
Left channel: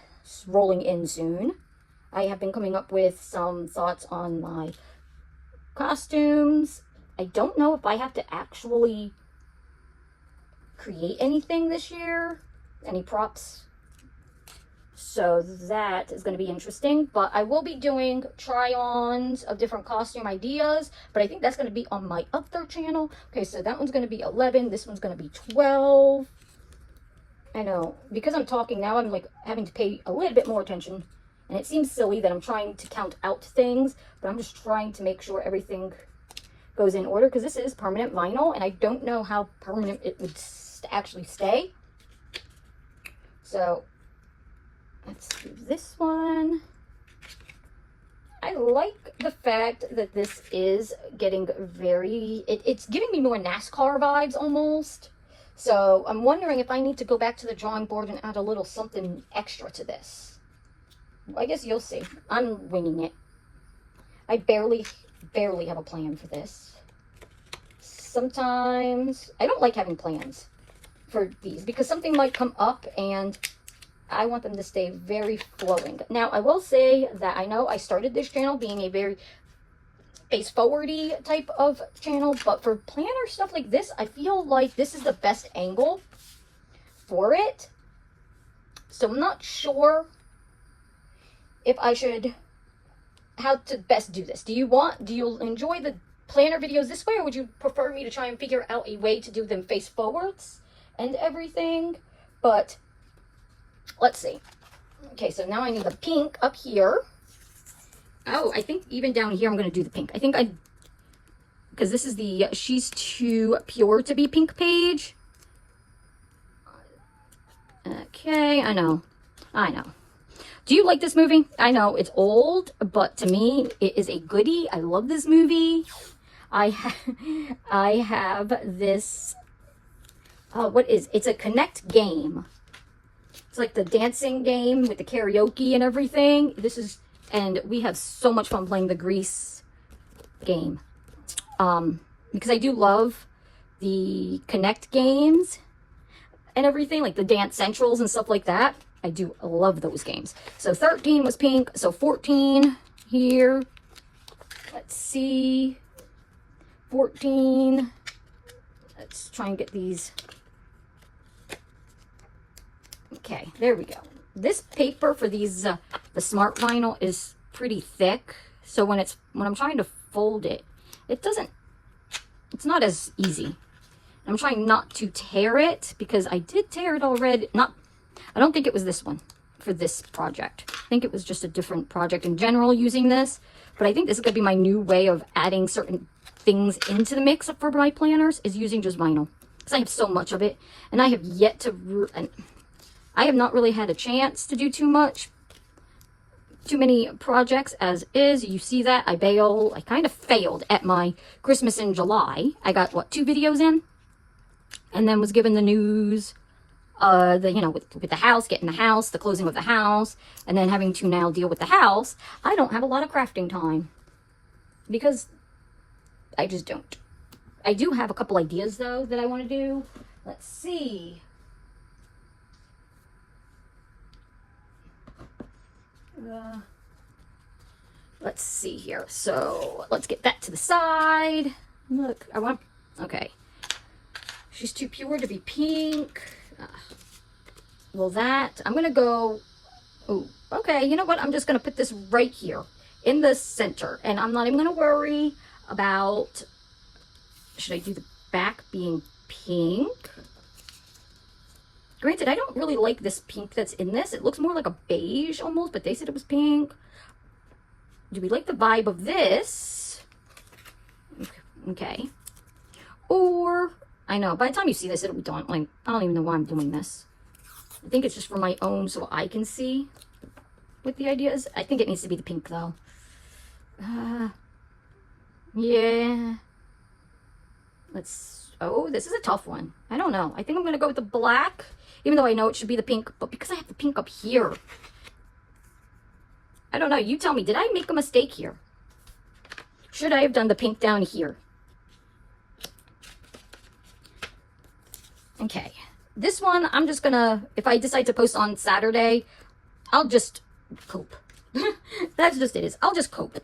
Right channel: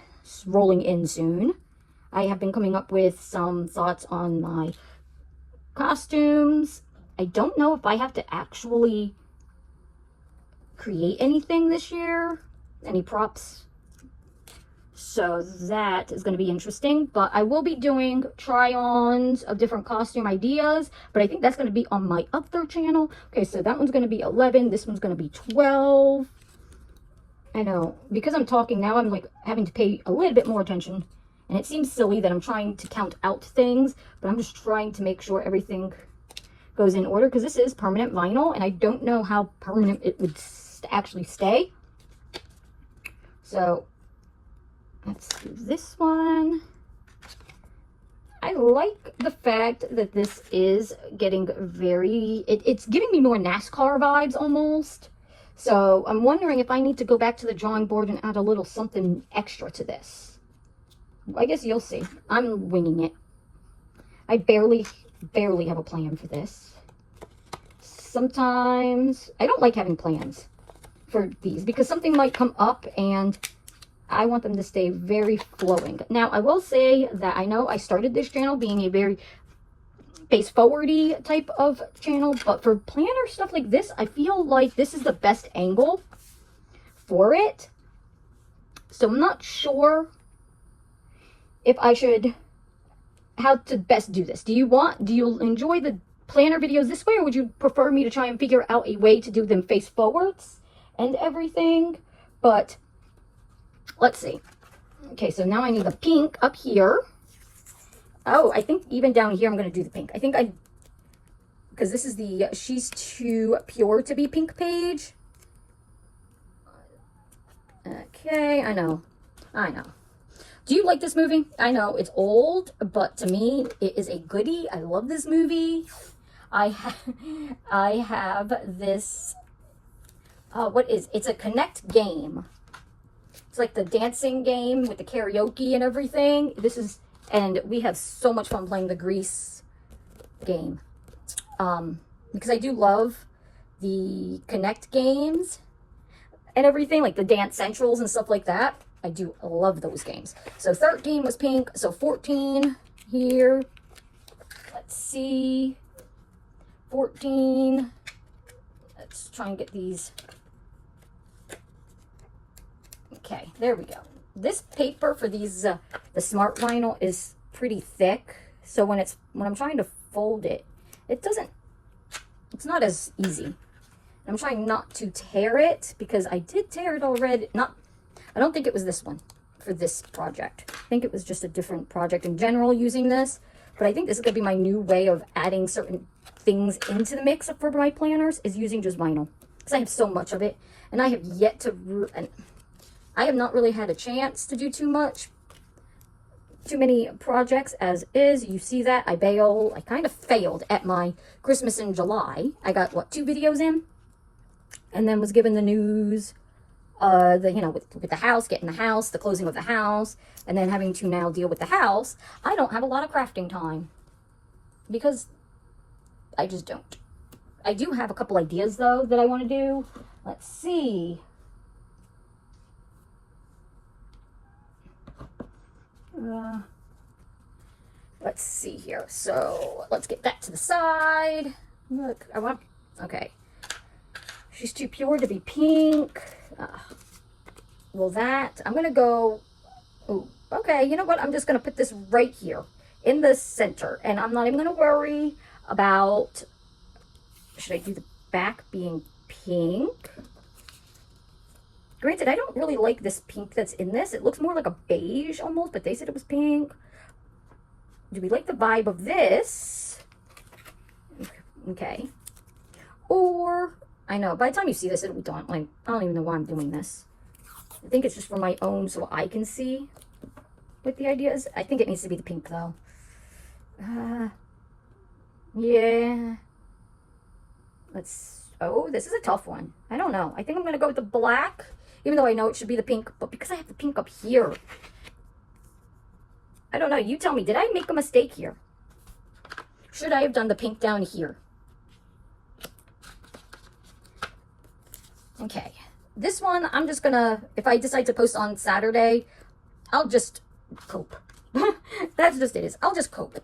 rolling in soon, I have been coming up with some thoughts on my costumes. I don't know if I have to actually create anything this year, any props. So that is going to be interesting, but I will be doing try-ons of different costume ideas, but I think that's going to be on my other channel. Okay, so that one's going to be 11. This one's going to be 12. I know, because I'm talking now, I'm like having to pay a little bit more attention, and it seems silly that I'm trying to count out things, but I'm just trying to make sure everything goes in order, because this is permanent vinyl, and I don't know how permanent it would actually stay. So let's do this one. I like the fact that this is getting very, it's giving me more NASCAR vibes almost. So I'm wondering if I need to go back to the drawing board and add a little something extra to this. I guess you'll see. I'm winging it. I barely have a plan for this. Sometimes I don't like having plans for these because something might come up and I want them to stay very flowing. Now, I will say that I know I started this channel being a very face forward-y type of channel, but for planner stuff like this, I feel like this is the best angle for it. So I'm not sure if I should, how to best do this. Do you enjoy the planner videos this way, or would you prefer me to try and figure out a way to do them face forwards and everything? But let's see. Okay, so now I need the pink up here. Oh, I think even down here I'm going to do the pink. I think because this is the She's Too Pure to Be Pink page. Okay, I know. Do you like this movie? I know it's old, but to me, it is a goodie. I love this movie. I have this, it's a Connect game. It's like the dancing game with the karaoke and everything. And we have so much fun playing the Grease game. Because I do love the Connect games and everything, like the Dance Centrals and stuff like that. I do love those games. So 13 was pink. So 14 here. Let's see. 14. Let's try and get these. Okay, there we go. This paper for these, the Smart Vinyl is pretty thick. So when I'm trying to fold it, it's not as easy. I'm trying not to tear it because I did tear it already. I don't think it was this one for this project. I think it was just a different project in general using this. But I think this is going to be my new way of adding certain things into the mix for my planners, is using just vinyl. Because I have so much of it. And I have yet to... I have not really had a chance to do too many projects as is. You see that? I kind of failed at my Christmas in July. I got, what, 2 videos in? And then was given the news... with the house, getting the house, the closing of the house, and then having to now deal with the house. I don't have a lot of crafting time because I just don't. I do have a couple ideas though that I want to do. Let's see. Let's see here. So let's get that to the side. Look, okay. She's Too Pure to Be Pink. Well, I'm going to go, oh, okay, you know what? I'm just going to put this right here in the center. And I'm not even going to worry about, should I do the back being pink? Granted, I don't really like this pink that's in this. It looks more like a beige almost, but they said it was pink. Do we like the vibe of this? Okay. Or... I know, by the time you see this, I don't even know why I'm doing this. I think it's just for my own, so I can see what the idea is. I think it needs to be the pink, though. Yeah. Oh, this is a tough one. I don't know. I think I'm going to go with the black, even though I know it should be the pink, but because I have the pink up here. I don't know. You tell me, did I make a mistake here? Should I have done the pink down here? Okay, this one, I'm just gonna, if I decide to post on Saturday, I'll just cope. That's just it. I'll just cope.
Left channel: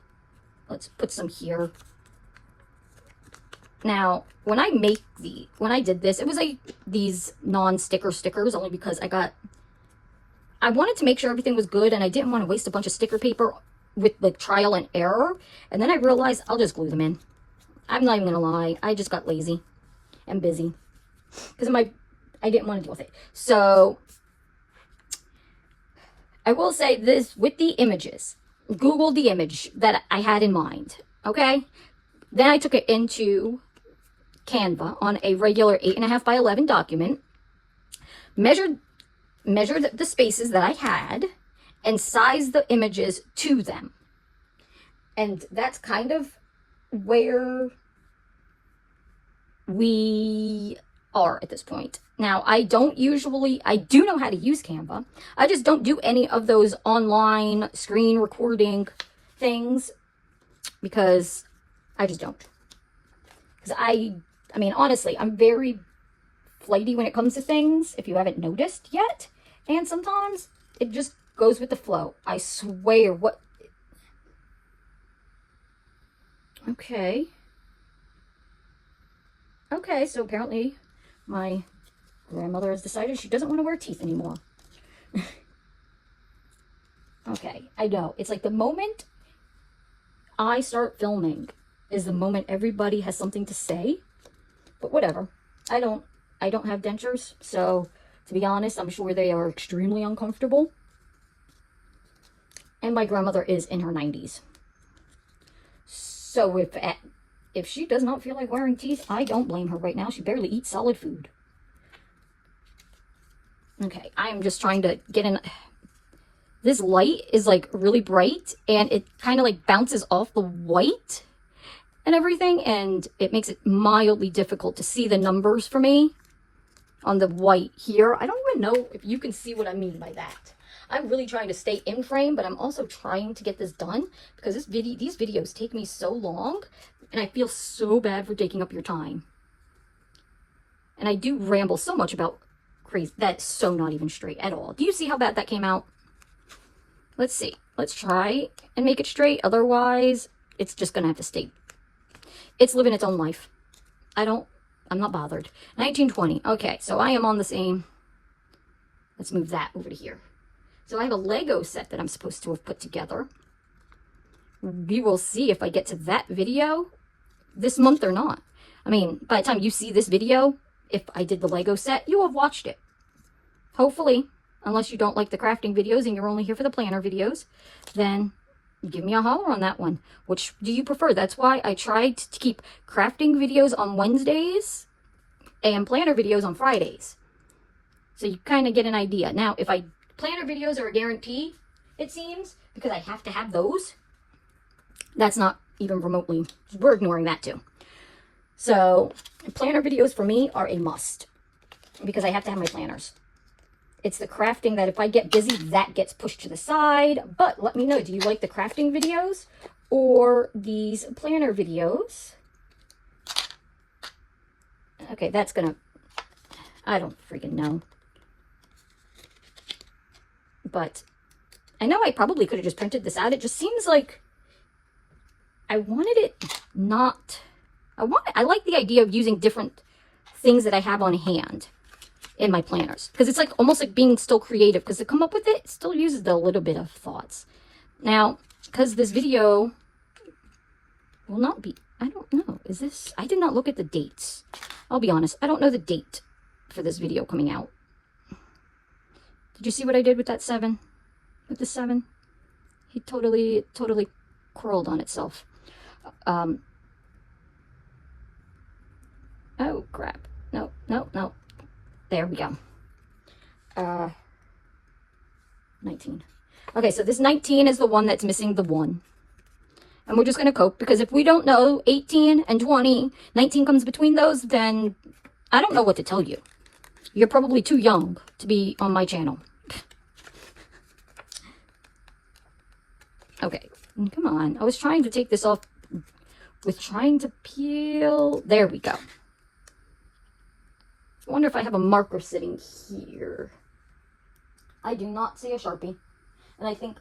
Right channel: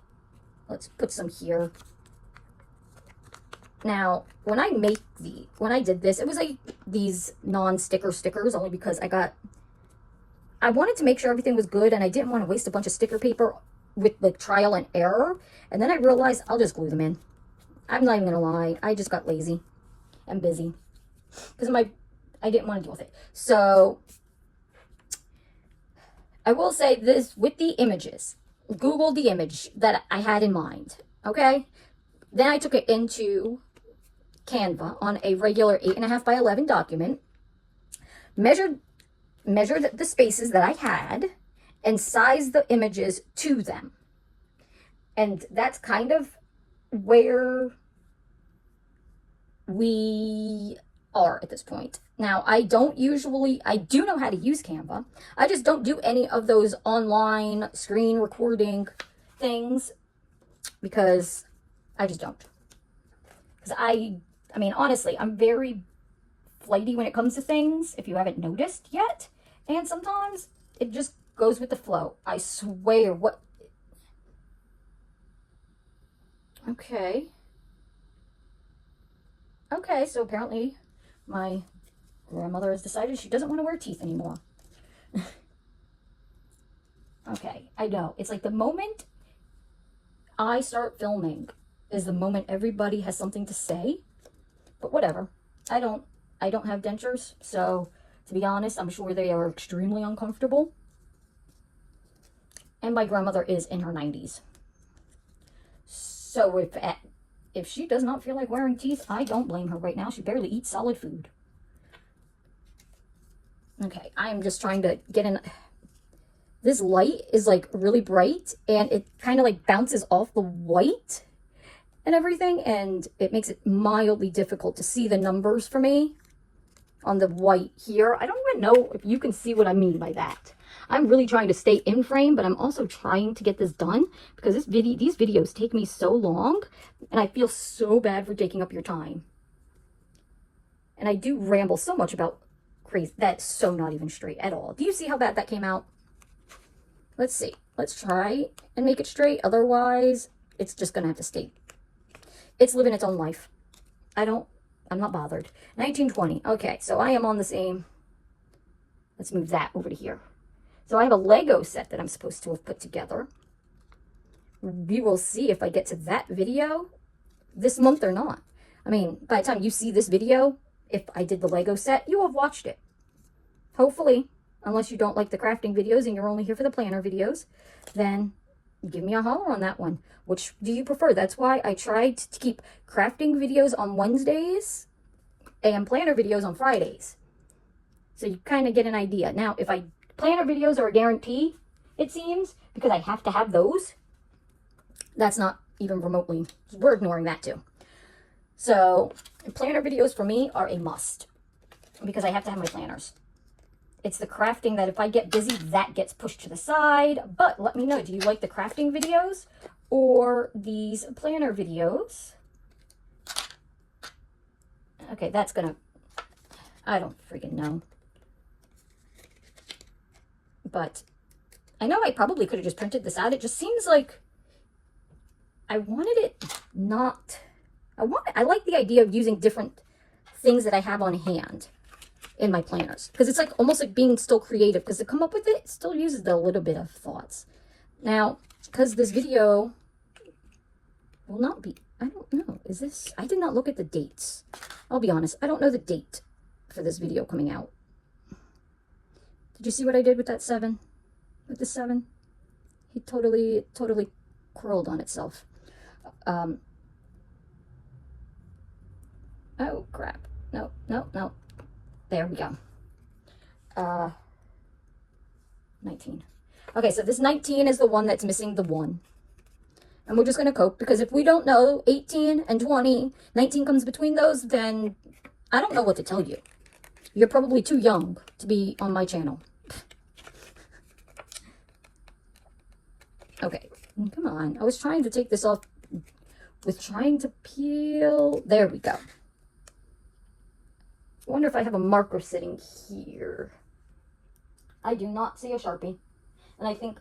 Let's put some here. Now, when I did this, it was like these non-sticker stickers, only because I wanted to make sure everything was good, and I didn't want to waste a bunch of sticker paper with the trial and error. And then I realized I'll just glue them in. I'm not even gonna lie, I just got lazy and busy. Because I didn't want to deal with it. So, I will say this with the images. Google the image that I had in mind. Okay? Then I took it into Canva on a regular 8.5 by 11 document, measured the spaces that I had, and sized the images to them. And that's kind of where we are at this point. Now, I do know how to use Canva. I just don't do any of those online screen recording things because I just don't. Because I mean, honestly, I'm very flighty when it comes to things, if you haven't noticed yet. And sometimes it just goes with the flow. I swear, what... Okay. Okay, so apparently my grandmother has decided she doesn't want to wear teeth anymore. Okay, I know. It's like the moment I start filming is the moment everybody has something to say. But whatever. I don't have dentures, so to be honest, I'm sure they are extremely uncomfortable. And my grandmother is in her 90s. So if she does not feel like wearing teeth, I don't blame her right now. She barely eats solid food. Okay, I'm just trying to get in. This light is like really bright and it kind of like bounces off the white and everything, and it makes it mildly difficult to see the numbers for me on the white here. I don't even know if you can see what I mean by that. I'm really trying to stay in frame, but I'm also trying to get this done because these videos take me so long and I feel so bad for taking up your time. And I do ramble so much about crazy. That's so not even straight at all. Do you see how bad that came out? Let's see. Let's try and make it straight. Otherwise, it's just going to have to stay. It's living its own life. I'm not bothered. 1920. Okay, so I am on the same. Let's move that over to here. So I have a Lego set that I'm supposed to have put together. We will see if I get to that video this month or not. I mean, by the time you see this video, if I did the Lego set, you will have watched it. Hopefully, unless you don't like the crafting videos and you're only here for the planner videos, then give me a holler on that one. Which do you prefer? That's why I tried to keep crafting videos on Wednesdays and planner videos on Fridays. So you kind of get an idea. Now, if planner videos are a guarantee, it seems, because I have to have those. That's not even remotely, we're ignoring that too. So planner videos for me are a must because I have to have my planners. It's the crafting that if I get busy, that gets pushed to the side. But let me know, do you like the crafting videos or these planner videos? Okay, that's gonna, I don't freaking know. But I know I probably could have just printed this out. It just seems like I wanted it not, I like the idea of using different things that I have on hand in my planners, because it's like almost like being still creative, because to come up with it still uses a little bit of thoughts. Now, because this video will not be, I don't know, is this, I did not look at the dates. I'll be honest, I don't know the date for this video coming out. Did you see what I did with that 7? With the 7? It totally curled on itself. Oh crap. No. There we go. 19. Okay, so this 19 is the one that's missing the 1. And we're just going to cope, because if we don't know 18 and 20, 19 comes between those, then I don't know what to tell you. You're probably too young to be on my channel. Okay, come on. I was trying to take this off with trying to peel. There we go. I wonder if I have a marker sitting here. I do not see a Sharpie. And I think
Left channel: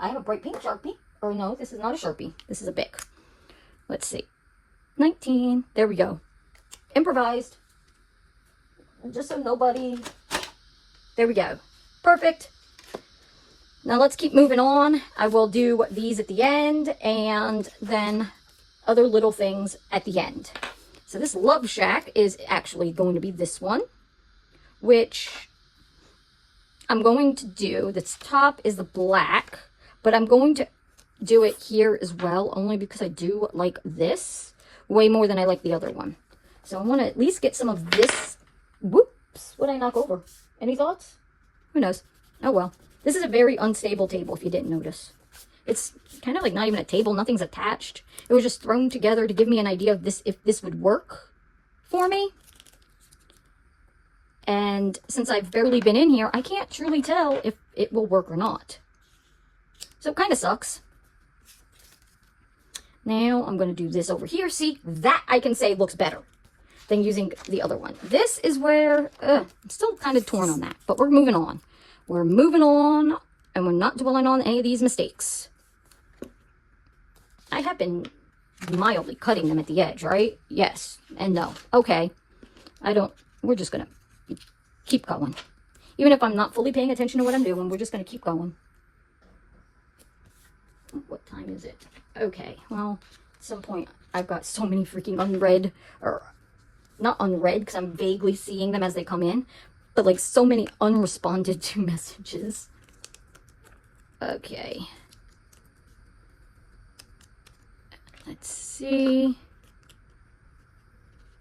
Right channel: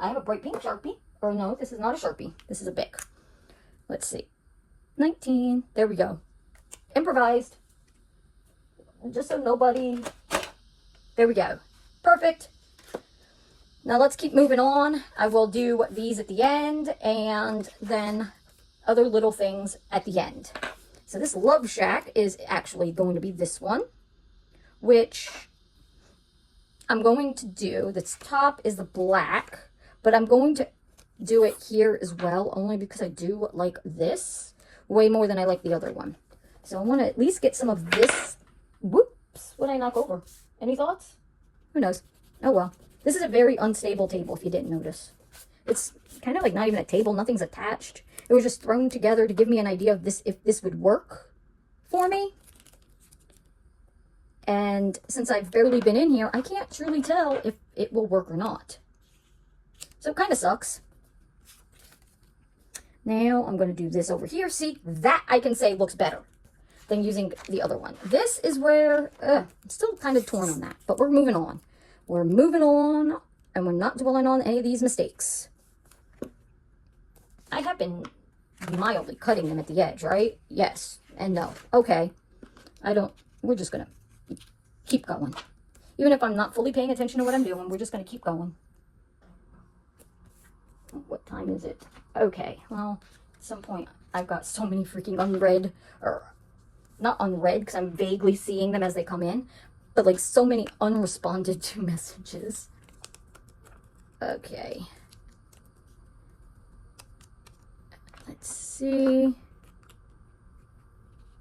I have a bright pink Sharpie. Or no, this is not a Sharpie. This is a Bic. Let's see. 19. There we go. Improvised. Just so nobody... There we go. Perfect. Now let's keep moving on. I will do these at the end and then other little things at the end. So this Love Shack is actually going to be this one, which I'm going to do. This top is the black, but I'm going to do it here as well, only because I do like this. way more than I like the other one. So I want to at least get some of this. Whoops, what did I knock over? Any thoughts? Who knows? Oh well. This is a very unstable table if you didn't notice. It's kind of like not even a table, nothing's attached. It was just thrown together to give me an idea of this, if this would work for me. And since I've barely been in here, I can't truly tell if it will work or not. So it kind of sucks. Now I'm going to do this over here. See, that I can say looks better than using the other one. This is where, I'm still kind of torn on that, but we're moving on. We're moving on, and we're not dwelling on any of these mistakes. I have been mildly cutting them at the edge, right? Yes and no. Okay. We're just going to keep going. Even if I'm not fully paying attention to what I'm doing, we're just going to keep going. What time is it? Okay, well, at some point, I've got so many freaking unread, or not unread, because I'm vaguely seeing them as they come in, but like so many unresponded to messages. Okay. Let's see.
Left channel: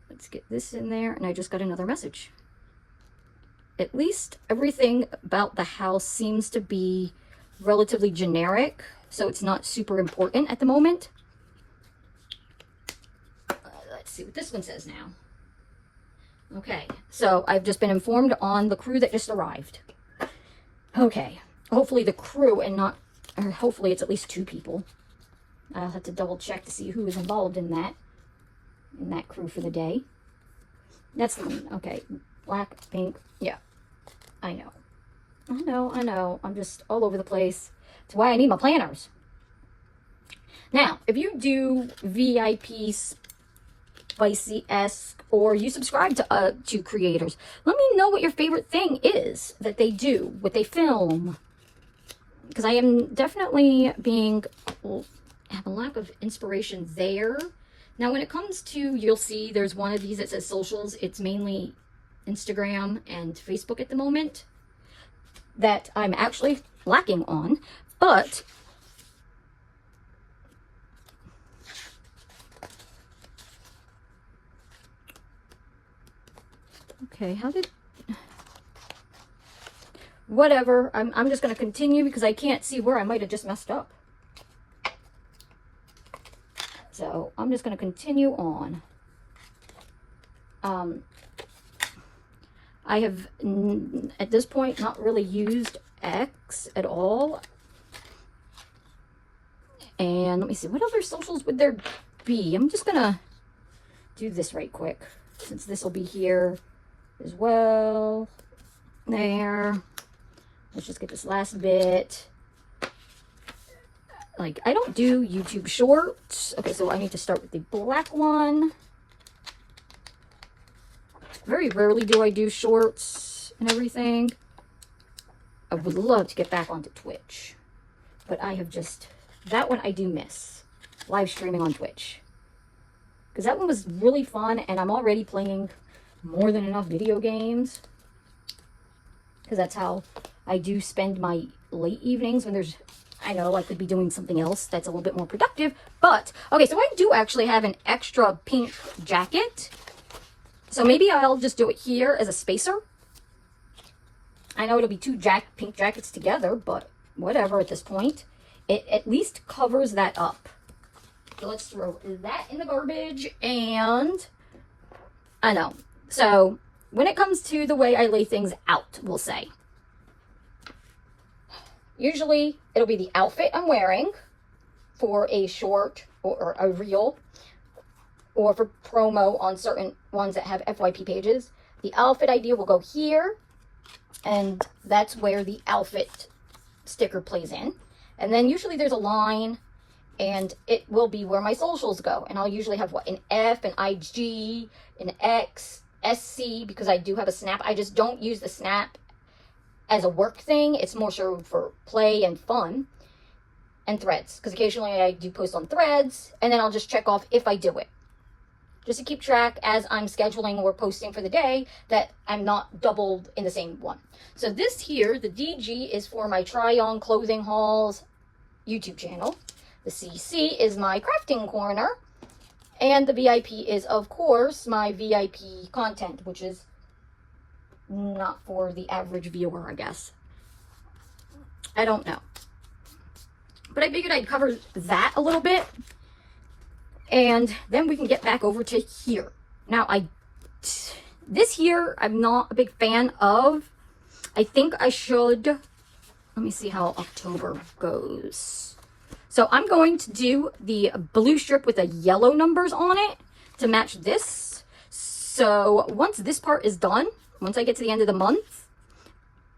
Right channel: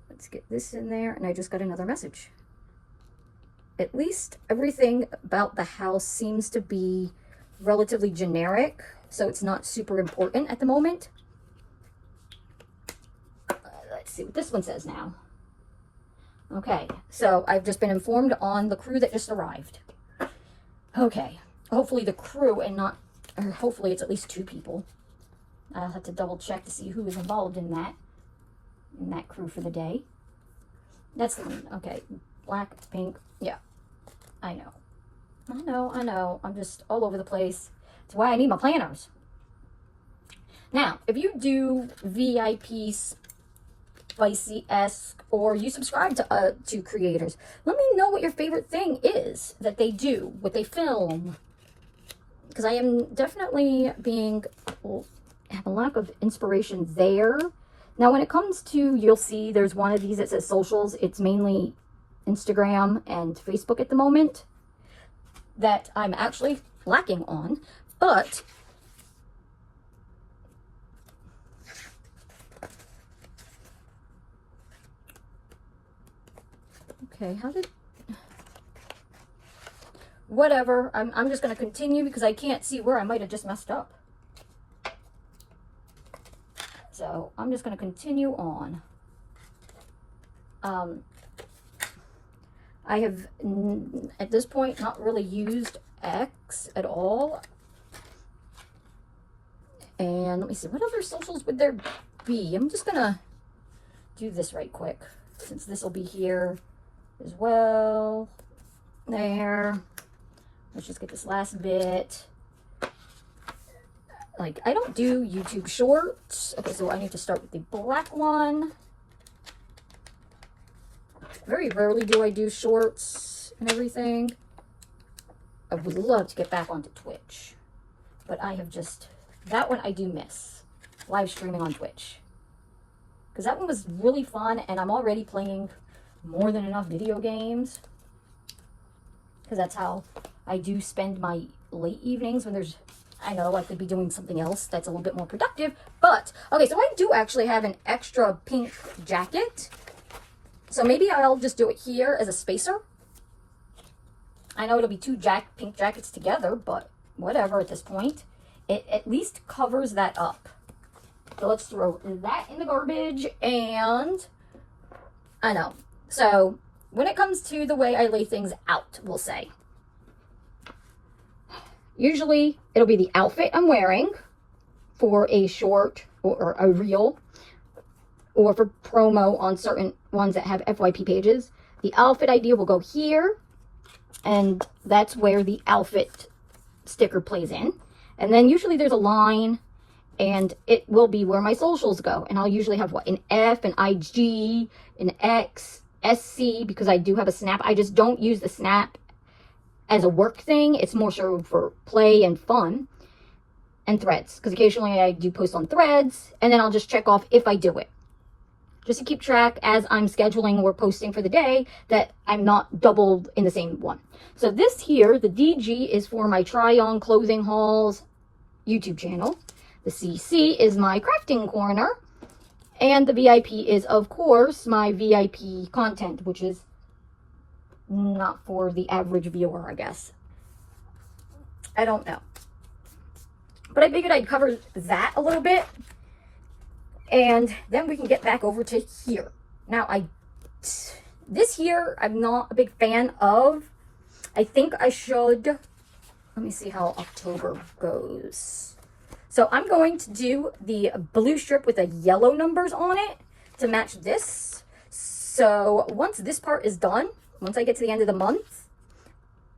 Let's get this in there, and I just got another message. At least everything about the house seems to be relatively generic, so it's not super important at the moment. Let's see what this one says now. Okay, so I've just been informed on the crew that just arrived. Okay, hopefully the crew and not, or hopefully it's at least 2 people. I'll have to double check to see who is involved in that crew for the day. That's the one. Okay, black, pink, yeah, I know. I'm just all over the place. That's why I need my planners. Now, if you do VIP Spicy-esque, or you subscribe to creators, let me know what your favorite thing is that they do, what they film. Because I am definitely have a lack of inspiration there. Now, when it comes to, you'll see there's one of these that says socials. It's mainly Instagram and Facebook at the moment that I'm actually lacking on. But okay, whatever, I'm just going to continue because I can't see where I might have just messed up. So I'm just going to continue on. I have, at this point, not really used X at all. And let me see, what other socials would there be? I'm just going to do this right quick, since this will be here as well. There. Let's just get this last bit. Like, I don't do YouTube shorts. Okay, so I need to start with the black one. Very rarely do I do shorts and everything. I would love to get back onto Twitch. But I have just, that one I do miss. Live streaming on Twitch. Because that one was really fun, and I'm already playing more than enough video games. Because that's how I do spend my late evenings when there's, I know I could be doing something else that's a little bit more productive. But, okay, so I do actually have an extra pink jacket. So maybe I'll just do it here as a spacer. I know it'll be 2 pink jackets together, but whatever at this point. It at least covers that up. So let's throw that in the garbage, and I know. So when it comes to the way I lay things out, we'll say, usually it'll be the outfit I'm wearing for a short or a reel, or for promo on certain ones that have FYP pages. The outfit idea will go here, and that's where the outfit sticker plays in. And then usually there's a line, and it will be where my socials go. And I'll usually have what, an F, an IG, an X, SC, because I do have a Snap. I just don't use the Snap as a work thing. It's more so for play and fun. And Threads, because occasionally I do post on Threads, and then I'll just check off if I do it. Just to keep track as I'm scheduling or posting for the day, that I'm not doubled in the same one. So this here, the DG, is for my try-on clothing hauls YouTube channel. The CC is my crafting corner. And the VIP is, of course, my VIP content, which is not for the average viewer, I guess. I don't know. But I figured I'd cover that a little bit. And then we can get back over to here. Now, this here, I'm not a big fan of. I think I should, let me see how October goes. So I'm going to do the blue strip with the yellow numbers on it to match this. So once this part is done, once I get to the end of the month,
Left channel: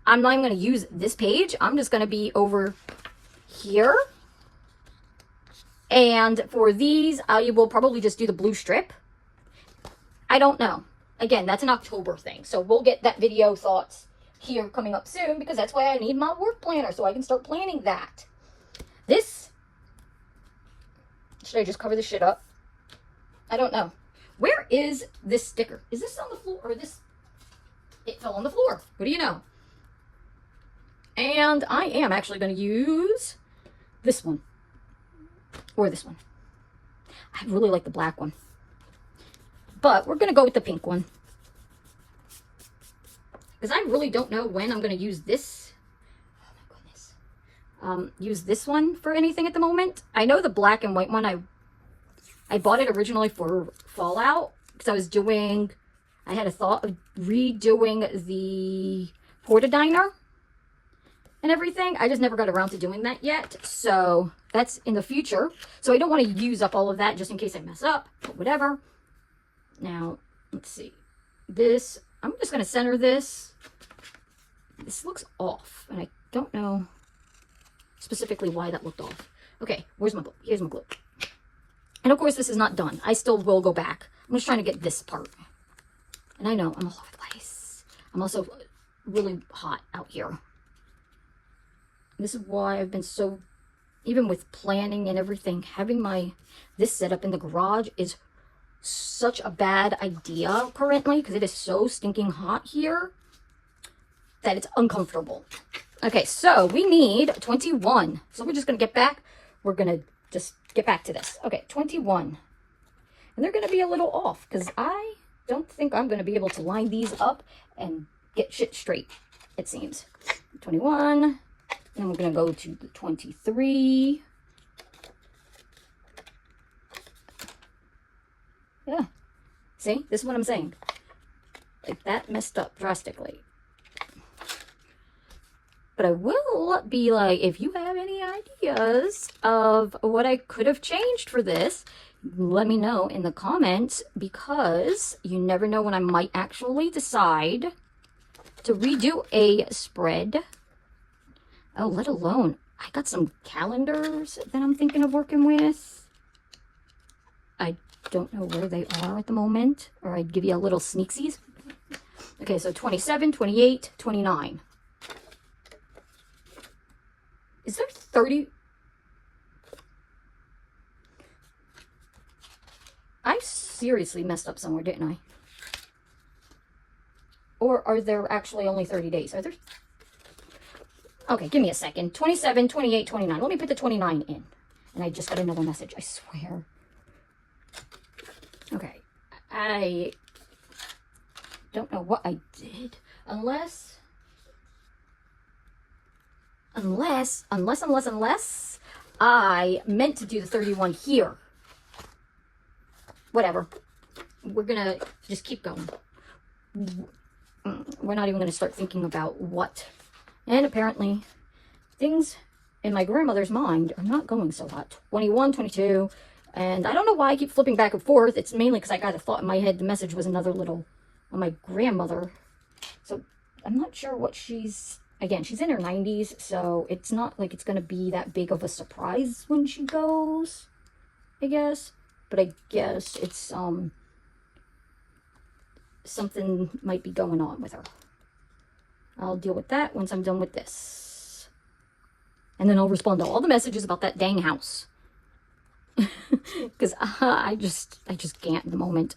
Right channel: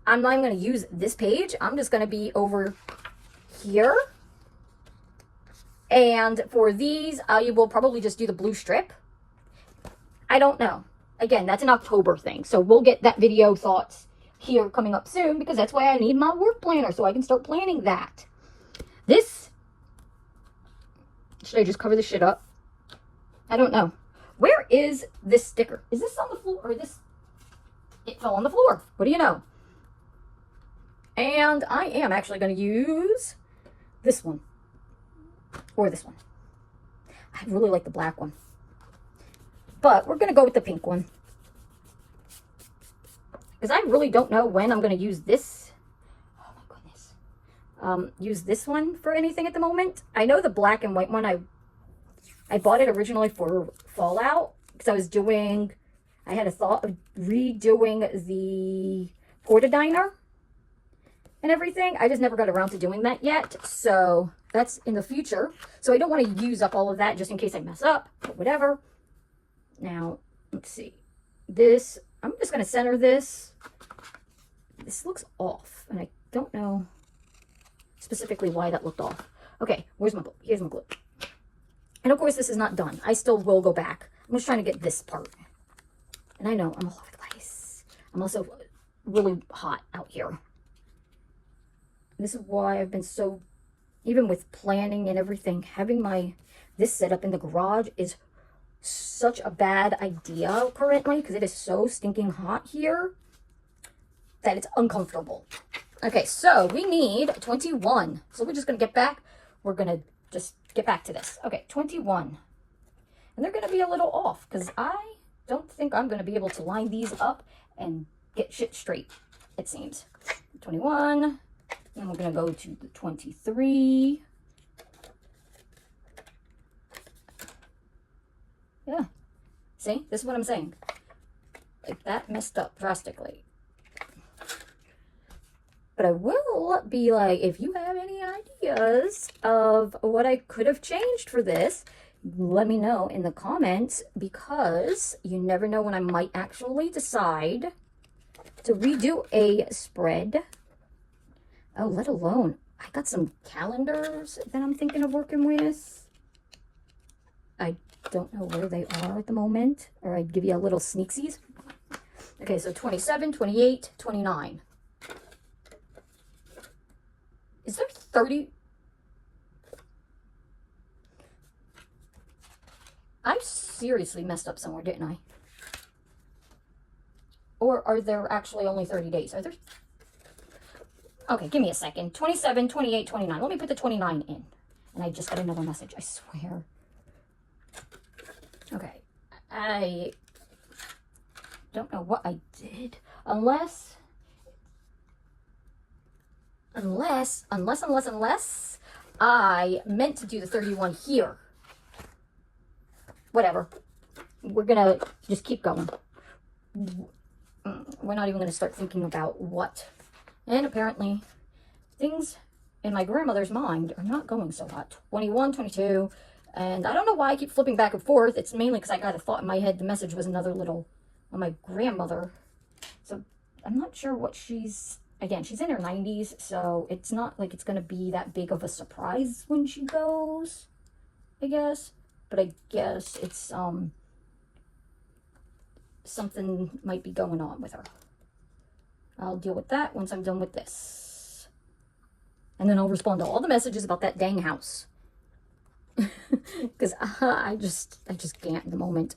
I'm not even going to use this page. I'm just going to be over here. And for these, I will probably just do the blue strip. I don't know. Again, that's an October thing. So we'll get that video thoughts here coming up soon, because that's why I need my work planner, so I can start planning that. This, should I just cover this shit up? I don't know. Where is this sticker? Is this on the floor, or this? It fell on the floor. What do you know? And I am actually going to use this one. Or this one. I really like the black one. But we're going to go with the pink one. Because I really don't know when I'm going to use this. Oh my goodness. Use this one for anything at the moment. I know the black and white one, I bought it originally for Fallout. Because I had a thought of redoing the Porta Diner and everything. I just never got around to doing that yet. So that's in the future. So I don't want to use up all of that just in case I mess up, but whatever. Now, let's see. This, I'm just going to center this. This looks off, and I don't know specifically why that looked off. Okay, where's my glue? Here's my glue. And of course, this is not done. I still will go back. I'm just trying to get this part. And I know I'm all over the place. I'm also really hot out here. This is why I've been so, even with planning and everything, having this set up in the garage is such a bad idea currently, because it is so stinking hot here that it's uncomfortable. Okay, so we need 21. So we're just going to get back. We're going to just get back to this. Okay, 21. And they're going to be a little off, because I don't think I'm going to be able to line these up and get shit straight, it seems. 21. And we're going to go to the 23. Yeah. See? This is what I'm saying. Like, that messed up drastically. But I will be like, if you have any ideas of what I could have changed for this, let me know in the comments, because you never know when I might actually decide to redo a spread. Oh, let alone, I got some calendars that I'm thinking of working with. I don't know where they are at the moment, or I'd give you a little sneaksies. Okay, so 27, 28, 29. Is there 30? I seriously messed up somewhere, didn't I? Or are there actually only 30 days? Are there? Okay, give me a second. 27, 28, 29. Let me put the 29 in. And I just got another message, I swear. Okay. I don't know what I did. Unless I meant to do the 31 here. Whatever. We're gonna just keep going. We're not even gonna start thinking about what. And apparently, things in my grandmother's mind are not going so hot. 21, 22, and I don't know why I keep flipping back and forth. It's mainly because I got a thought in my head. The message was another little on my grandmother. So I'm not sure what she's, again, she's in her 90s, so it's not like it's going to be that big of a surprise when she goes, I guess. But I guess it's, something might be going on with her. I'll deal with that once I'm done with this. And then I'll respond to all the messages about that dang house. Because I just can't at the moment.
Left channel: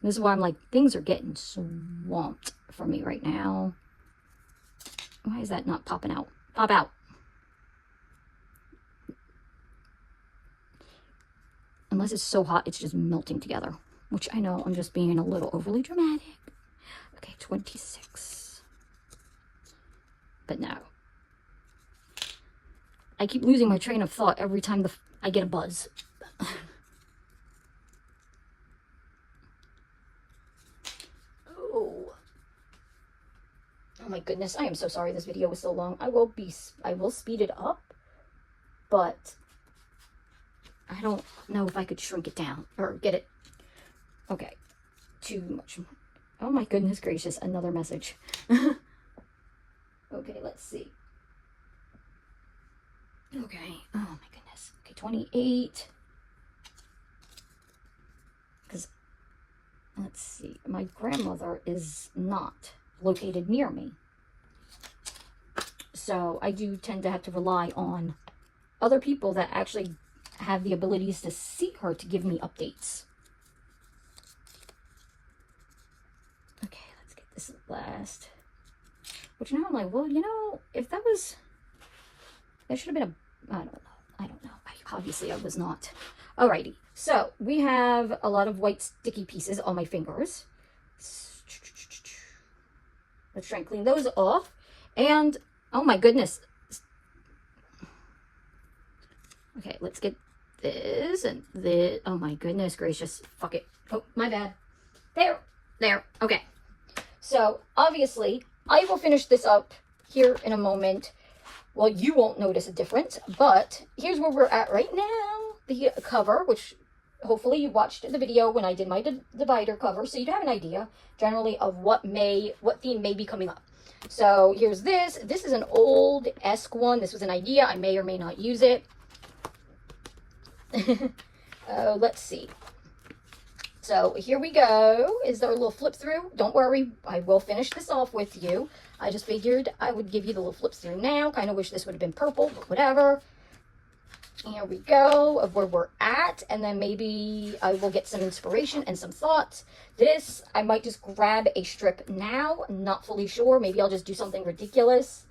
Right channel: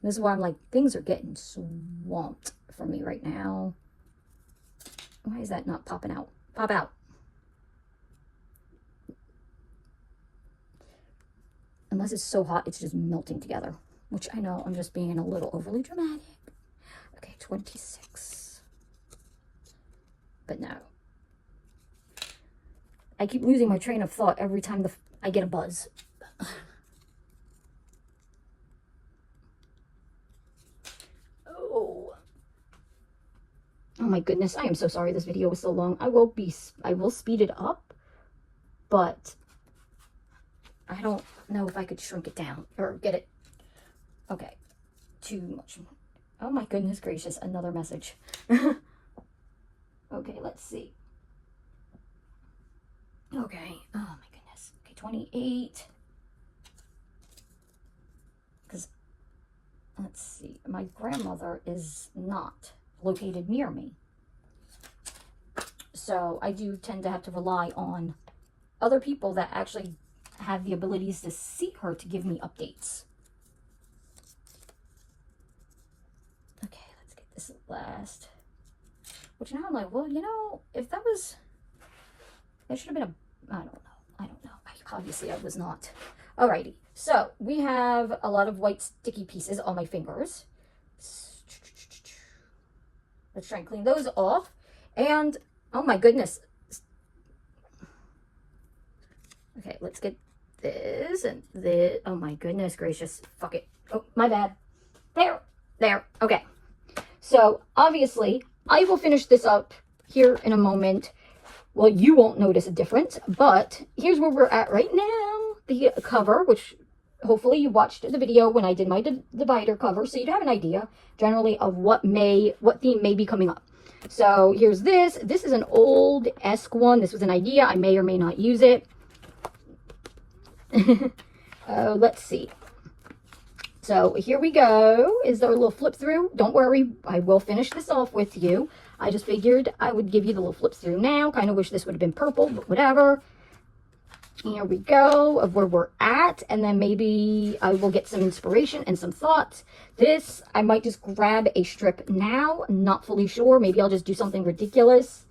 This is why I'm like, things are getting swamped for me right now. Why is that not popping out? Pop out. unless it's so hot, it's just melting together, which I know I'm just being a little overly dramatic. Okay, 26. But no. I keep losing my train of thought every time I get a buzz. Oh my goodness, I am so sorry this video was so long. I will speed it up, but I don't know if I could shrink it down or get it. Okay, too much. Oh my goodness gracious, another message. Okay, let's see. Okay, oh my goodness. Okay, 28. Because, let's see, my grandmother is not located near me. So I do tend to have to rely on other people that actually have the abilities to see her to give me updates. Okay, let's get this last. Which now I'm like, well, you know, if that was, there should have been a, I don't know. Obviously I was not. Alrighty, so we have a lot of white sticky pieces on my fingers. Let's try and clean those off. And, oh my goodness. Okay, let's get this and this. Oh my goodness gracious. Fuck it. Oh, my bad. There. Okay. So, obviously, I will finish this up here in a moment. Well, you won't notice a difference, but here's where we're at right now. The cover, which hopefully you watched the video when I did my divider cover, so you'd have an idea generally of what theme may be coming up. So here's this. This is an old-esque one. This was an idea. I may or may not use it. Let's see. So here we go. Is there a little flip through? Don't worry. I will finish this off with you. I just figured I would give you the little flips through now. Kind of wish this would have been purple, but whatever. Here we go of where we're at, and then maybe I will get some inspiration and some thoughts. This, I might just grab a strip now. I'm not fully sure. Maybe I'll just do something ridiculous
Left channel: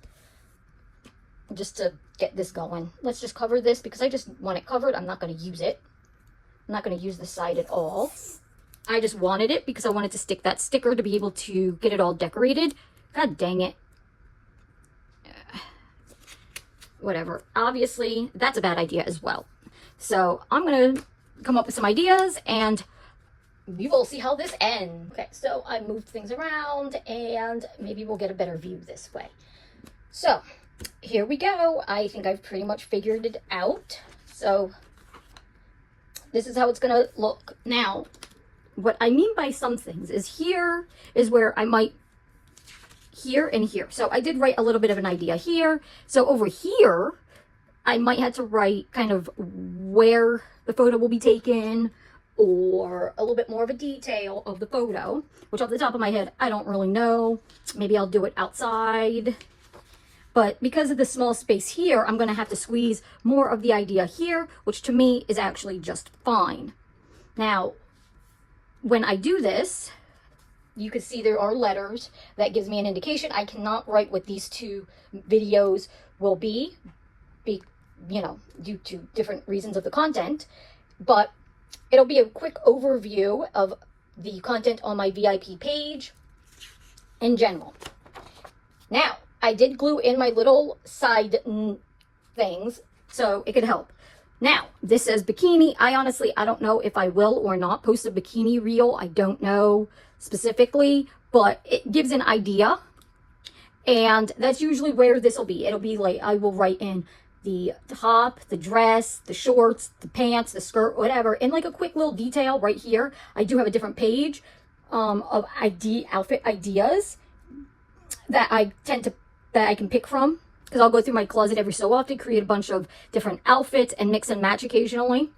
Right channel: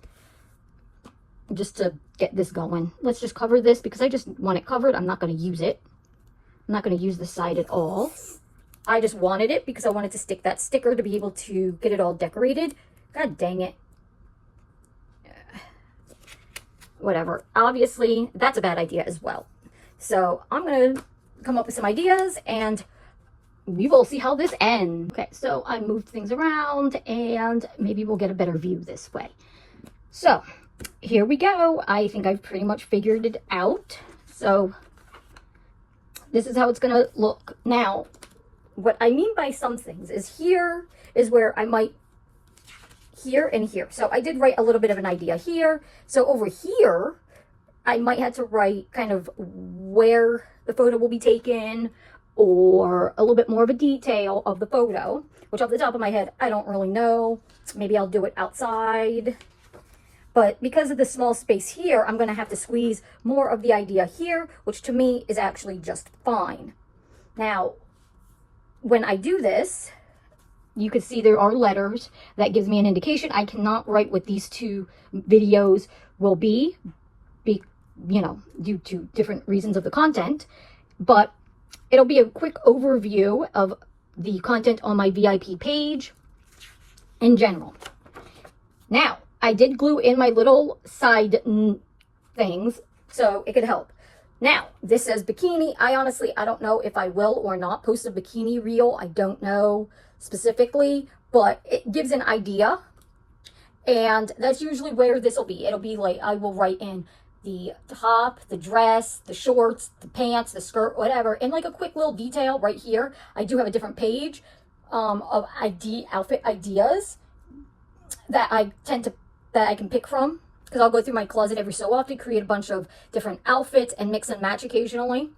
just to get this going. Let's just cover this because I just want it covered. I'm not going to use it. I'm not going to use the side at all. I just wanted it because I wanted to stick that sticker to be able to get it all decorated. God dang it. Whatever. Obviously, that's a bad idea as well. So I'm going to come up with some ideas and we will see how this ends. Okay, so I moved things around and maybe we'll get a better view this way. So here we go. I think I've pretty much figured it out. So this is how it's going to look. Now, what I mean by some things is here is where I might here and here. So I did write a little bit of an idea here. So over here, I might have to write kind of where the photo will be taken or a little bit more of a detail of the photo, which off the top of my head, I don't really know. Maybe I'll do it outside. But because of the small space here, I'm going to have to squeeze more of the idea here, which to me is actually just fine. Now, when I do this, you can see there are letters. That gives me an indication. I cannot write what these two videos will be, you know, due to different reasons of the content. But it'll be a quick overview of the content on my VIP page in general. Now, I did glue in my little side things so it could help. Now, this says bikini. I don't know if I will or not post a bikini reel. I don't know specifically, but it gives an idea. And that's usually where this will be. It'll be like, I will write in the top, the dress, the shorts, the pants, the skirt, whatever, in like a quick little detail right here. I do have a different page of outfit ideas that I can pick from, because I'll go through my closet every so often, create a bunch of different outfits and mix and match occasionally.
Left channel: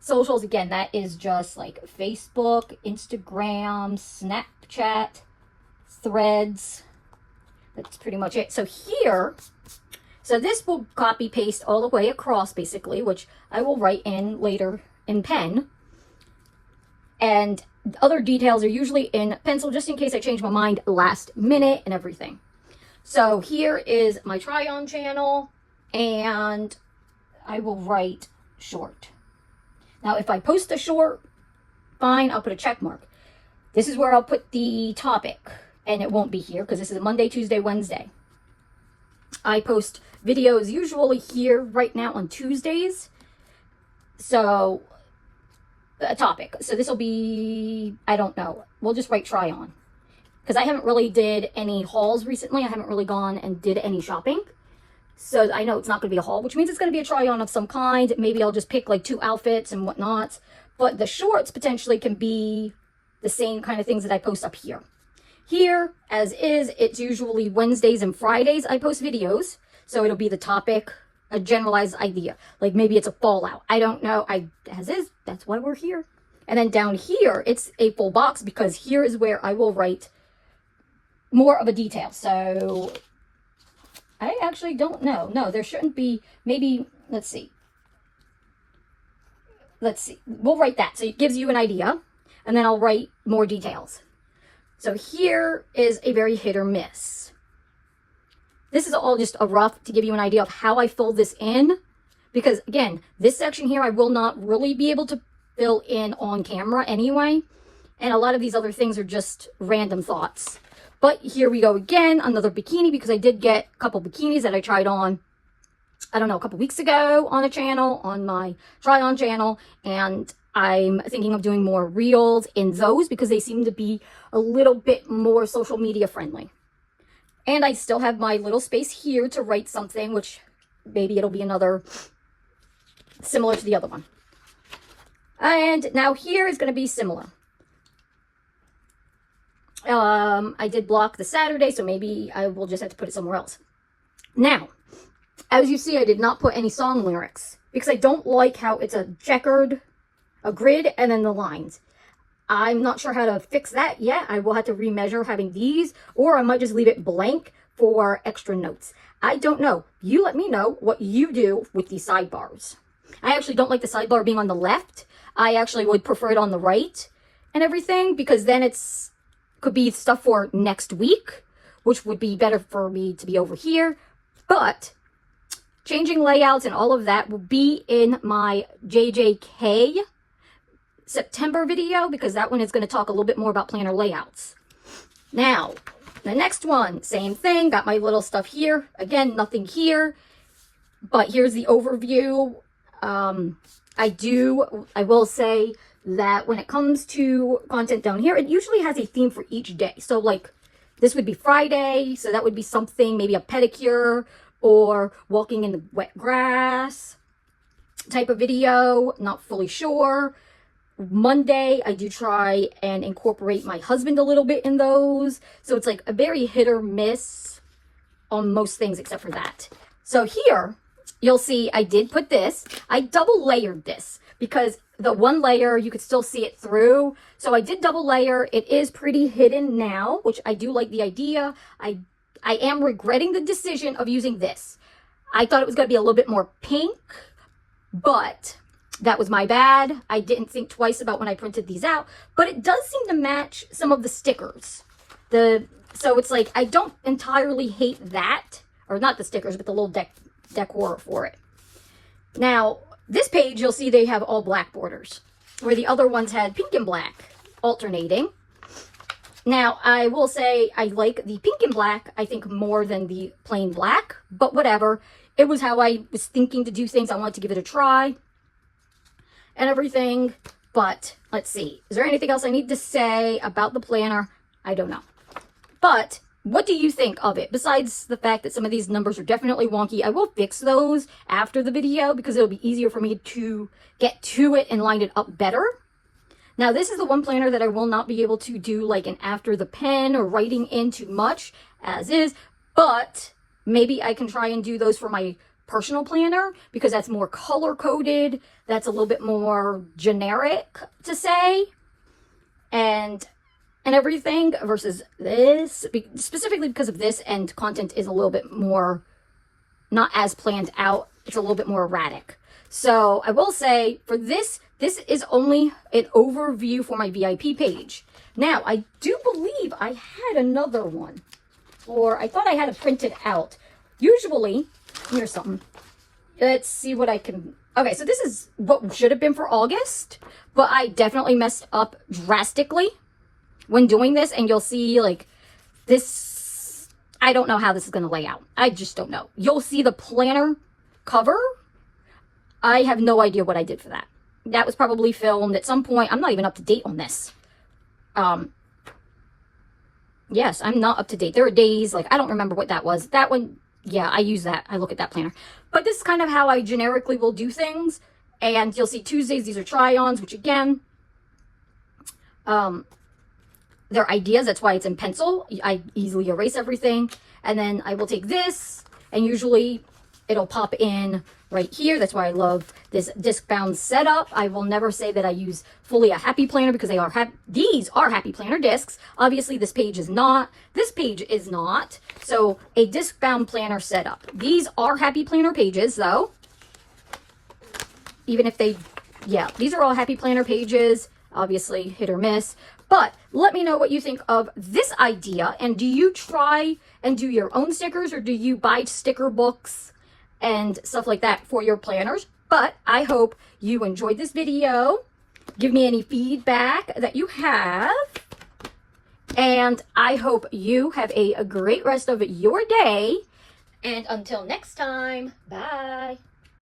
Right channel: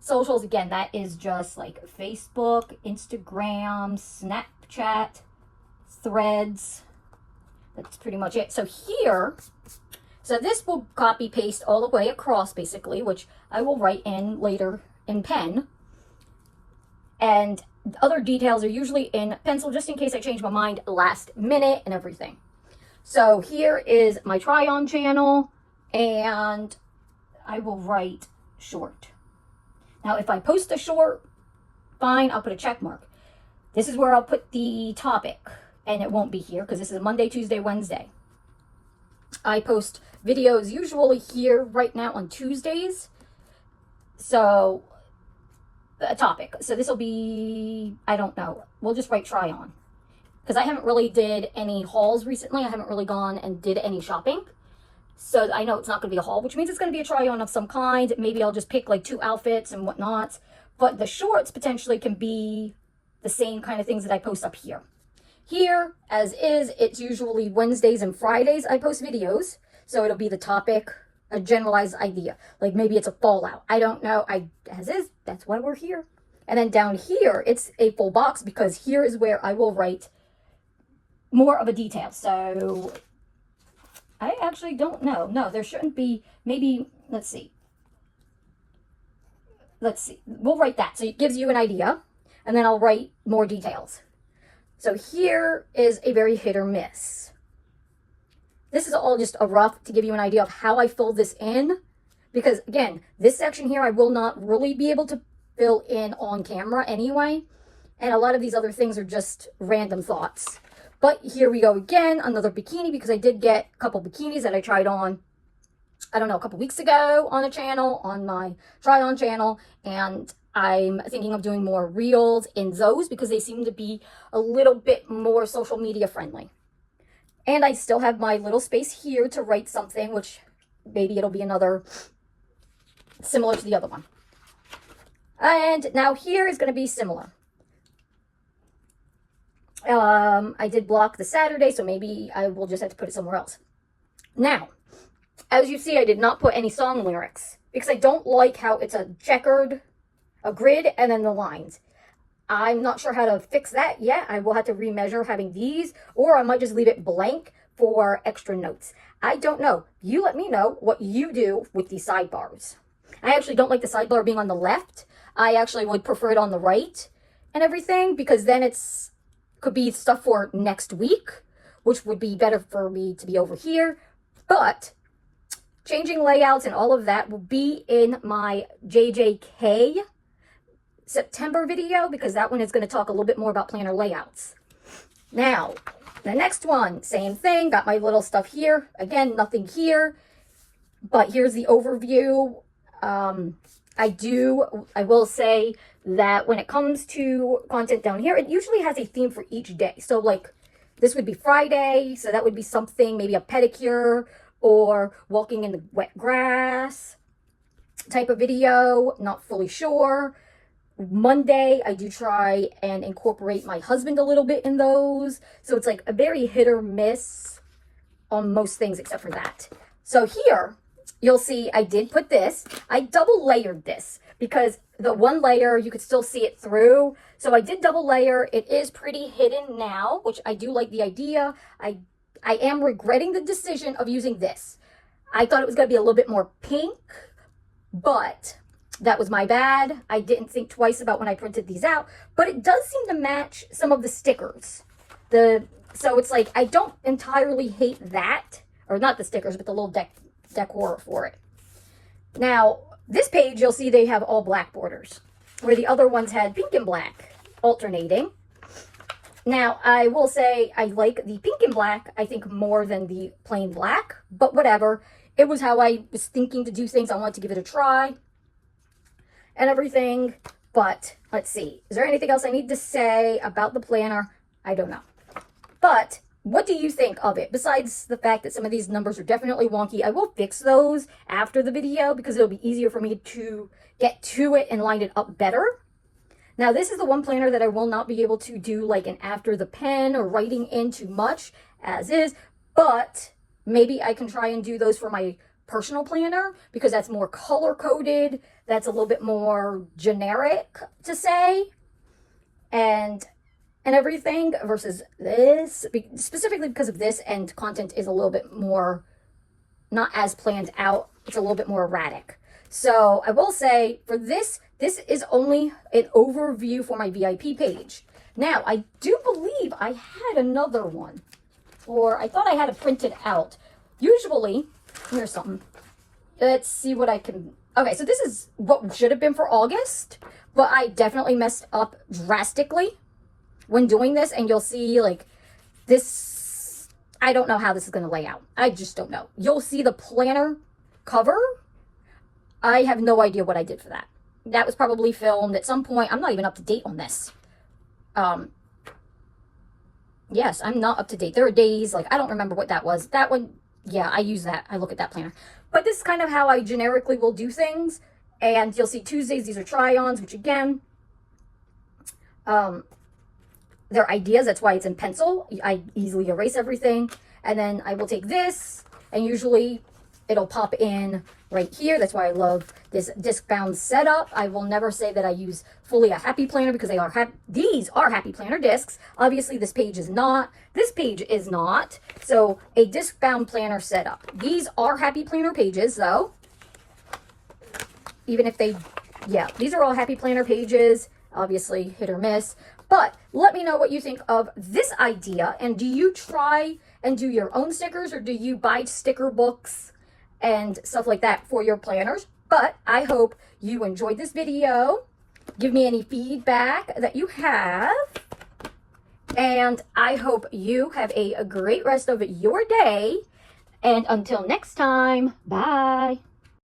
Socials, again, that is just like Facebook, Instagram, Snapchat, Threads. That's pretty much it. So here, so this will copy paste all the way across basically, which I will write in later in pen. And other details are usually in pencil, just in case I change my mind last minute and everything. So here is my try-on channel, and I will write short. Now, if I post a short, fine, I'll put a check mark. This is where I'll put the topic, and it won't be here because this is Monday, Tuesday, Wednesday. I post videos usually here right now on Tuesdays. So, a topic. So this will be, I don't know. We'll just write try on. Because I haven't really did any hauls recently. I haven't really gone and did any shopping. So I know it's not going to be a haul, which means it's going to be a try on of some kind. Maybe I'll just pick like 2 outfits and whatnot. But the shorts potentially can be the same kind of things that I post up here. Here, as is, it's usually Wednesdays and Fridays I post videos. So it'll be the topic, a generalized idea. Like maybe it's a fallout. I don't know. As is, that's why we're here. And then down here, it's a full box because here is where I will write more of a detail. So I actually don't know. No, there shouldn't be. Maybe, let's see. We'll write that. So it gives you an idea. And then I'll write more details. So here is a very hit or miss. This is all just a rough to give you an idea of how I fill this in. Because again, this section here I will not really be able to fill in on camera anyway. And a lot of these other things are just random thoughts. But here we go again, another bikini, because I did get a couple bikinis that I tried on, I don't know, a couple weeks ago on the channel, on my try-on channel. And I'm thinking of doing more reels in those because they seem to be a little bit more social media friendly. And I still have my little space here to write something, which maybe it'll be another similar to the other one. And now here is going to be similar. I did block the Saturday, so maybe I will just have to put it somewhere else. Now, as you see, I did not put any song lyrics because I don't like how it's a checkered, a grid, and then the lines. I'm not sure how to fix that yet. I will have to remeasure having these, or I might just leave it blank for extra notes. I don't know. You let me know what you do with these sidebars. I actually don't like the sidebar being on the left. I actually would prefer it on the right and everything, because then could be stuff for next week, which would be better for me to be over here. But changing layouts and all of that will be in my JJK September video, because that one is going to talk a little bit more about planner layouts. Now, the next one, same thing, got my little stuff here. Again, nothing here, but here's the overview. I will say that when it comes to content down here, it usually has a theme for each day. So like this would be Friday, so that would be something, maybe a pedicure or walking in the wet grass type of video, not fully sure. Monday, I do try and incorporate my husband a little bit in those. So it's like a very hit or miss on most things except for that. So here, you'll see I did put this. I double layered this because the one layer, you could still see it through. So I did double layer. It is pretty hidden now, which I do like the idea. I am regretting the decision of using this. I thought it was going to be a little bit more pink, but that was my bad. I didn't think twice about when I printed these out, but it does seem to match some of the stickers. So it's like, I don't entirely hate that, or not the stickers, but the little decor for it. Now, this page, you'll see they have all black borders, where the other ones had pink and black alternating. Now, I will say I like the pink and black, I think, more than the plain black, but whatever. It was how I was thinking to do things. I wanted to give it a try and everything. But let's see. Is there anything else I need to say about the planner? I don't know. But what do you think of it? Besides the fact that some of these numbers are definitely wonky, I will fix those after the video because it'll be easier for me to get to it and line it up better. Now, this is the one planner that I will not be able to do like an after the pen or writing in too much as is, but maybe I can try and do those for my personal planner because that's more color coded. That's a little bit more generic to say and everything versus this, specifically because of this, and content is a little bit more not as planned out. It's a little bit more erratic. So I will say for this is only an overview for my VIP page. Now, I do believe I had another one, or I thought I had it printed out. Usually, here's something. Let's see what I can Okay, so this is what should have been for August, but I definitely messed up drastically when doing this, and you'll see like this, I don't know how this is going to lay out. I just don't know. You'll see the planner cover. I have no idea what I did for that. That was probably filmed at some point. I'm not even up to date on this. Yes, I'm not up to date. There are days, like, I don't remember what that was. That one, yeah, I use that. I look at that planner. But this is kind of how I generically will do things. And you'll see Tuesdays, these are try-ons, which again, they're ideas. That's why it's in pencil. I easily erase everything. And then I will take this, and usually it'll pop in right here. That's why I love this disc bound setup. I will never say that I use fully a Happy Planner because these are Happy Planner discs. Obviously this page is not. This page is not. So a disc bound planner setup. These are Happy Planner pages though. Even if they, yeah, these are all Happy Planner pages. Obviously hit or miss. But let me know what you think of this idea. And do you try and do your own stickers, or do you buy sticker books and stuff like that for your planners? But I hope you enjoyed this video. Give me any feedback that you have. And I hope you have a great rest of your day. And until next time, bye.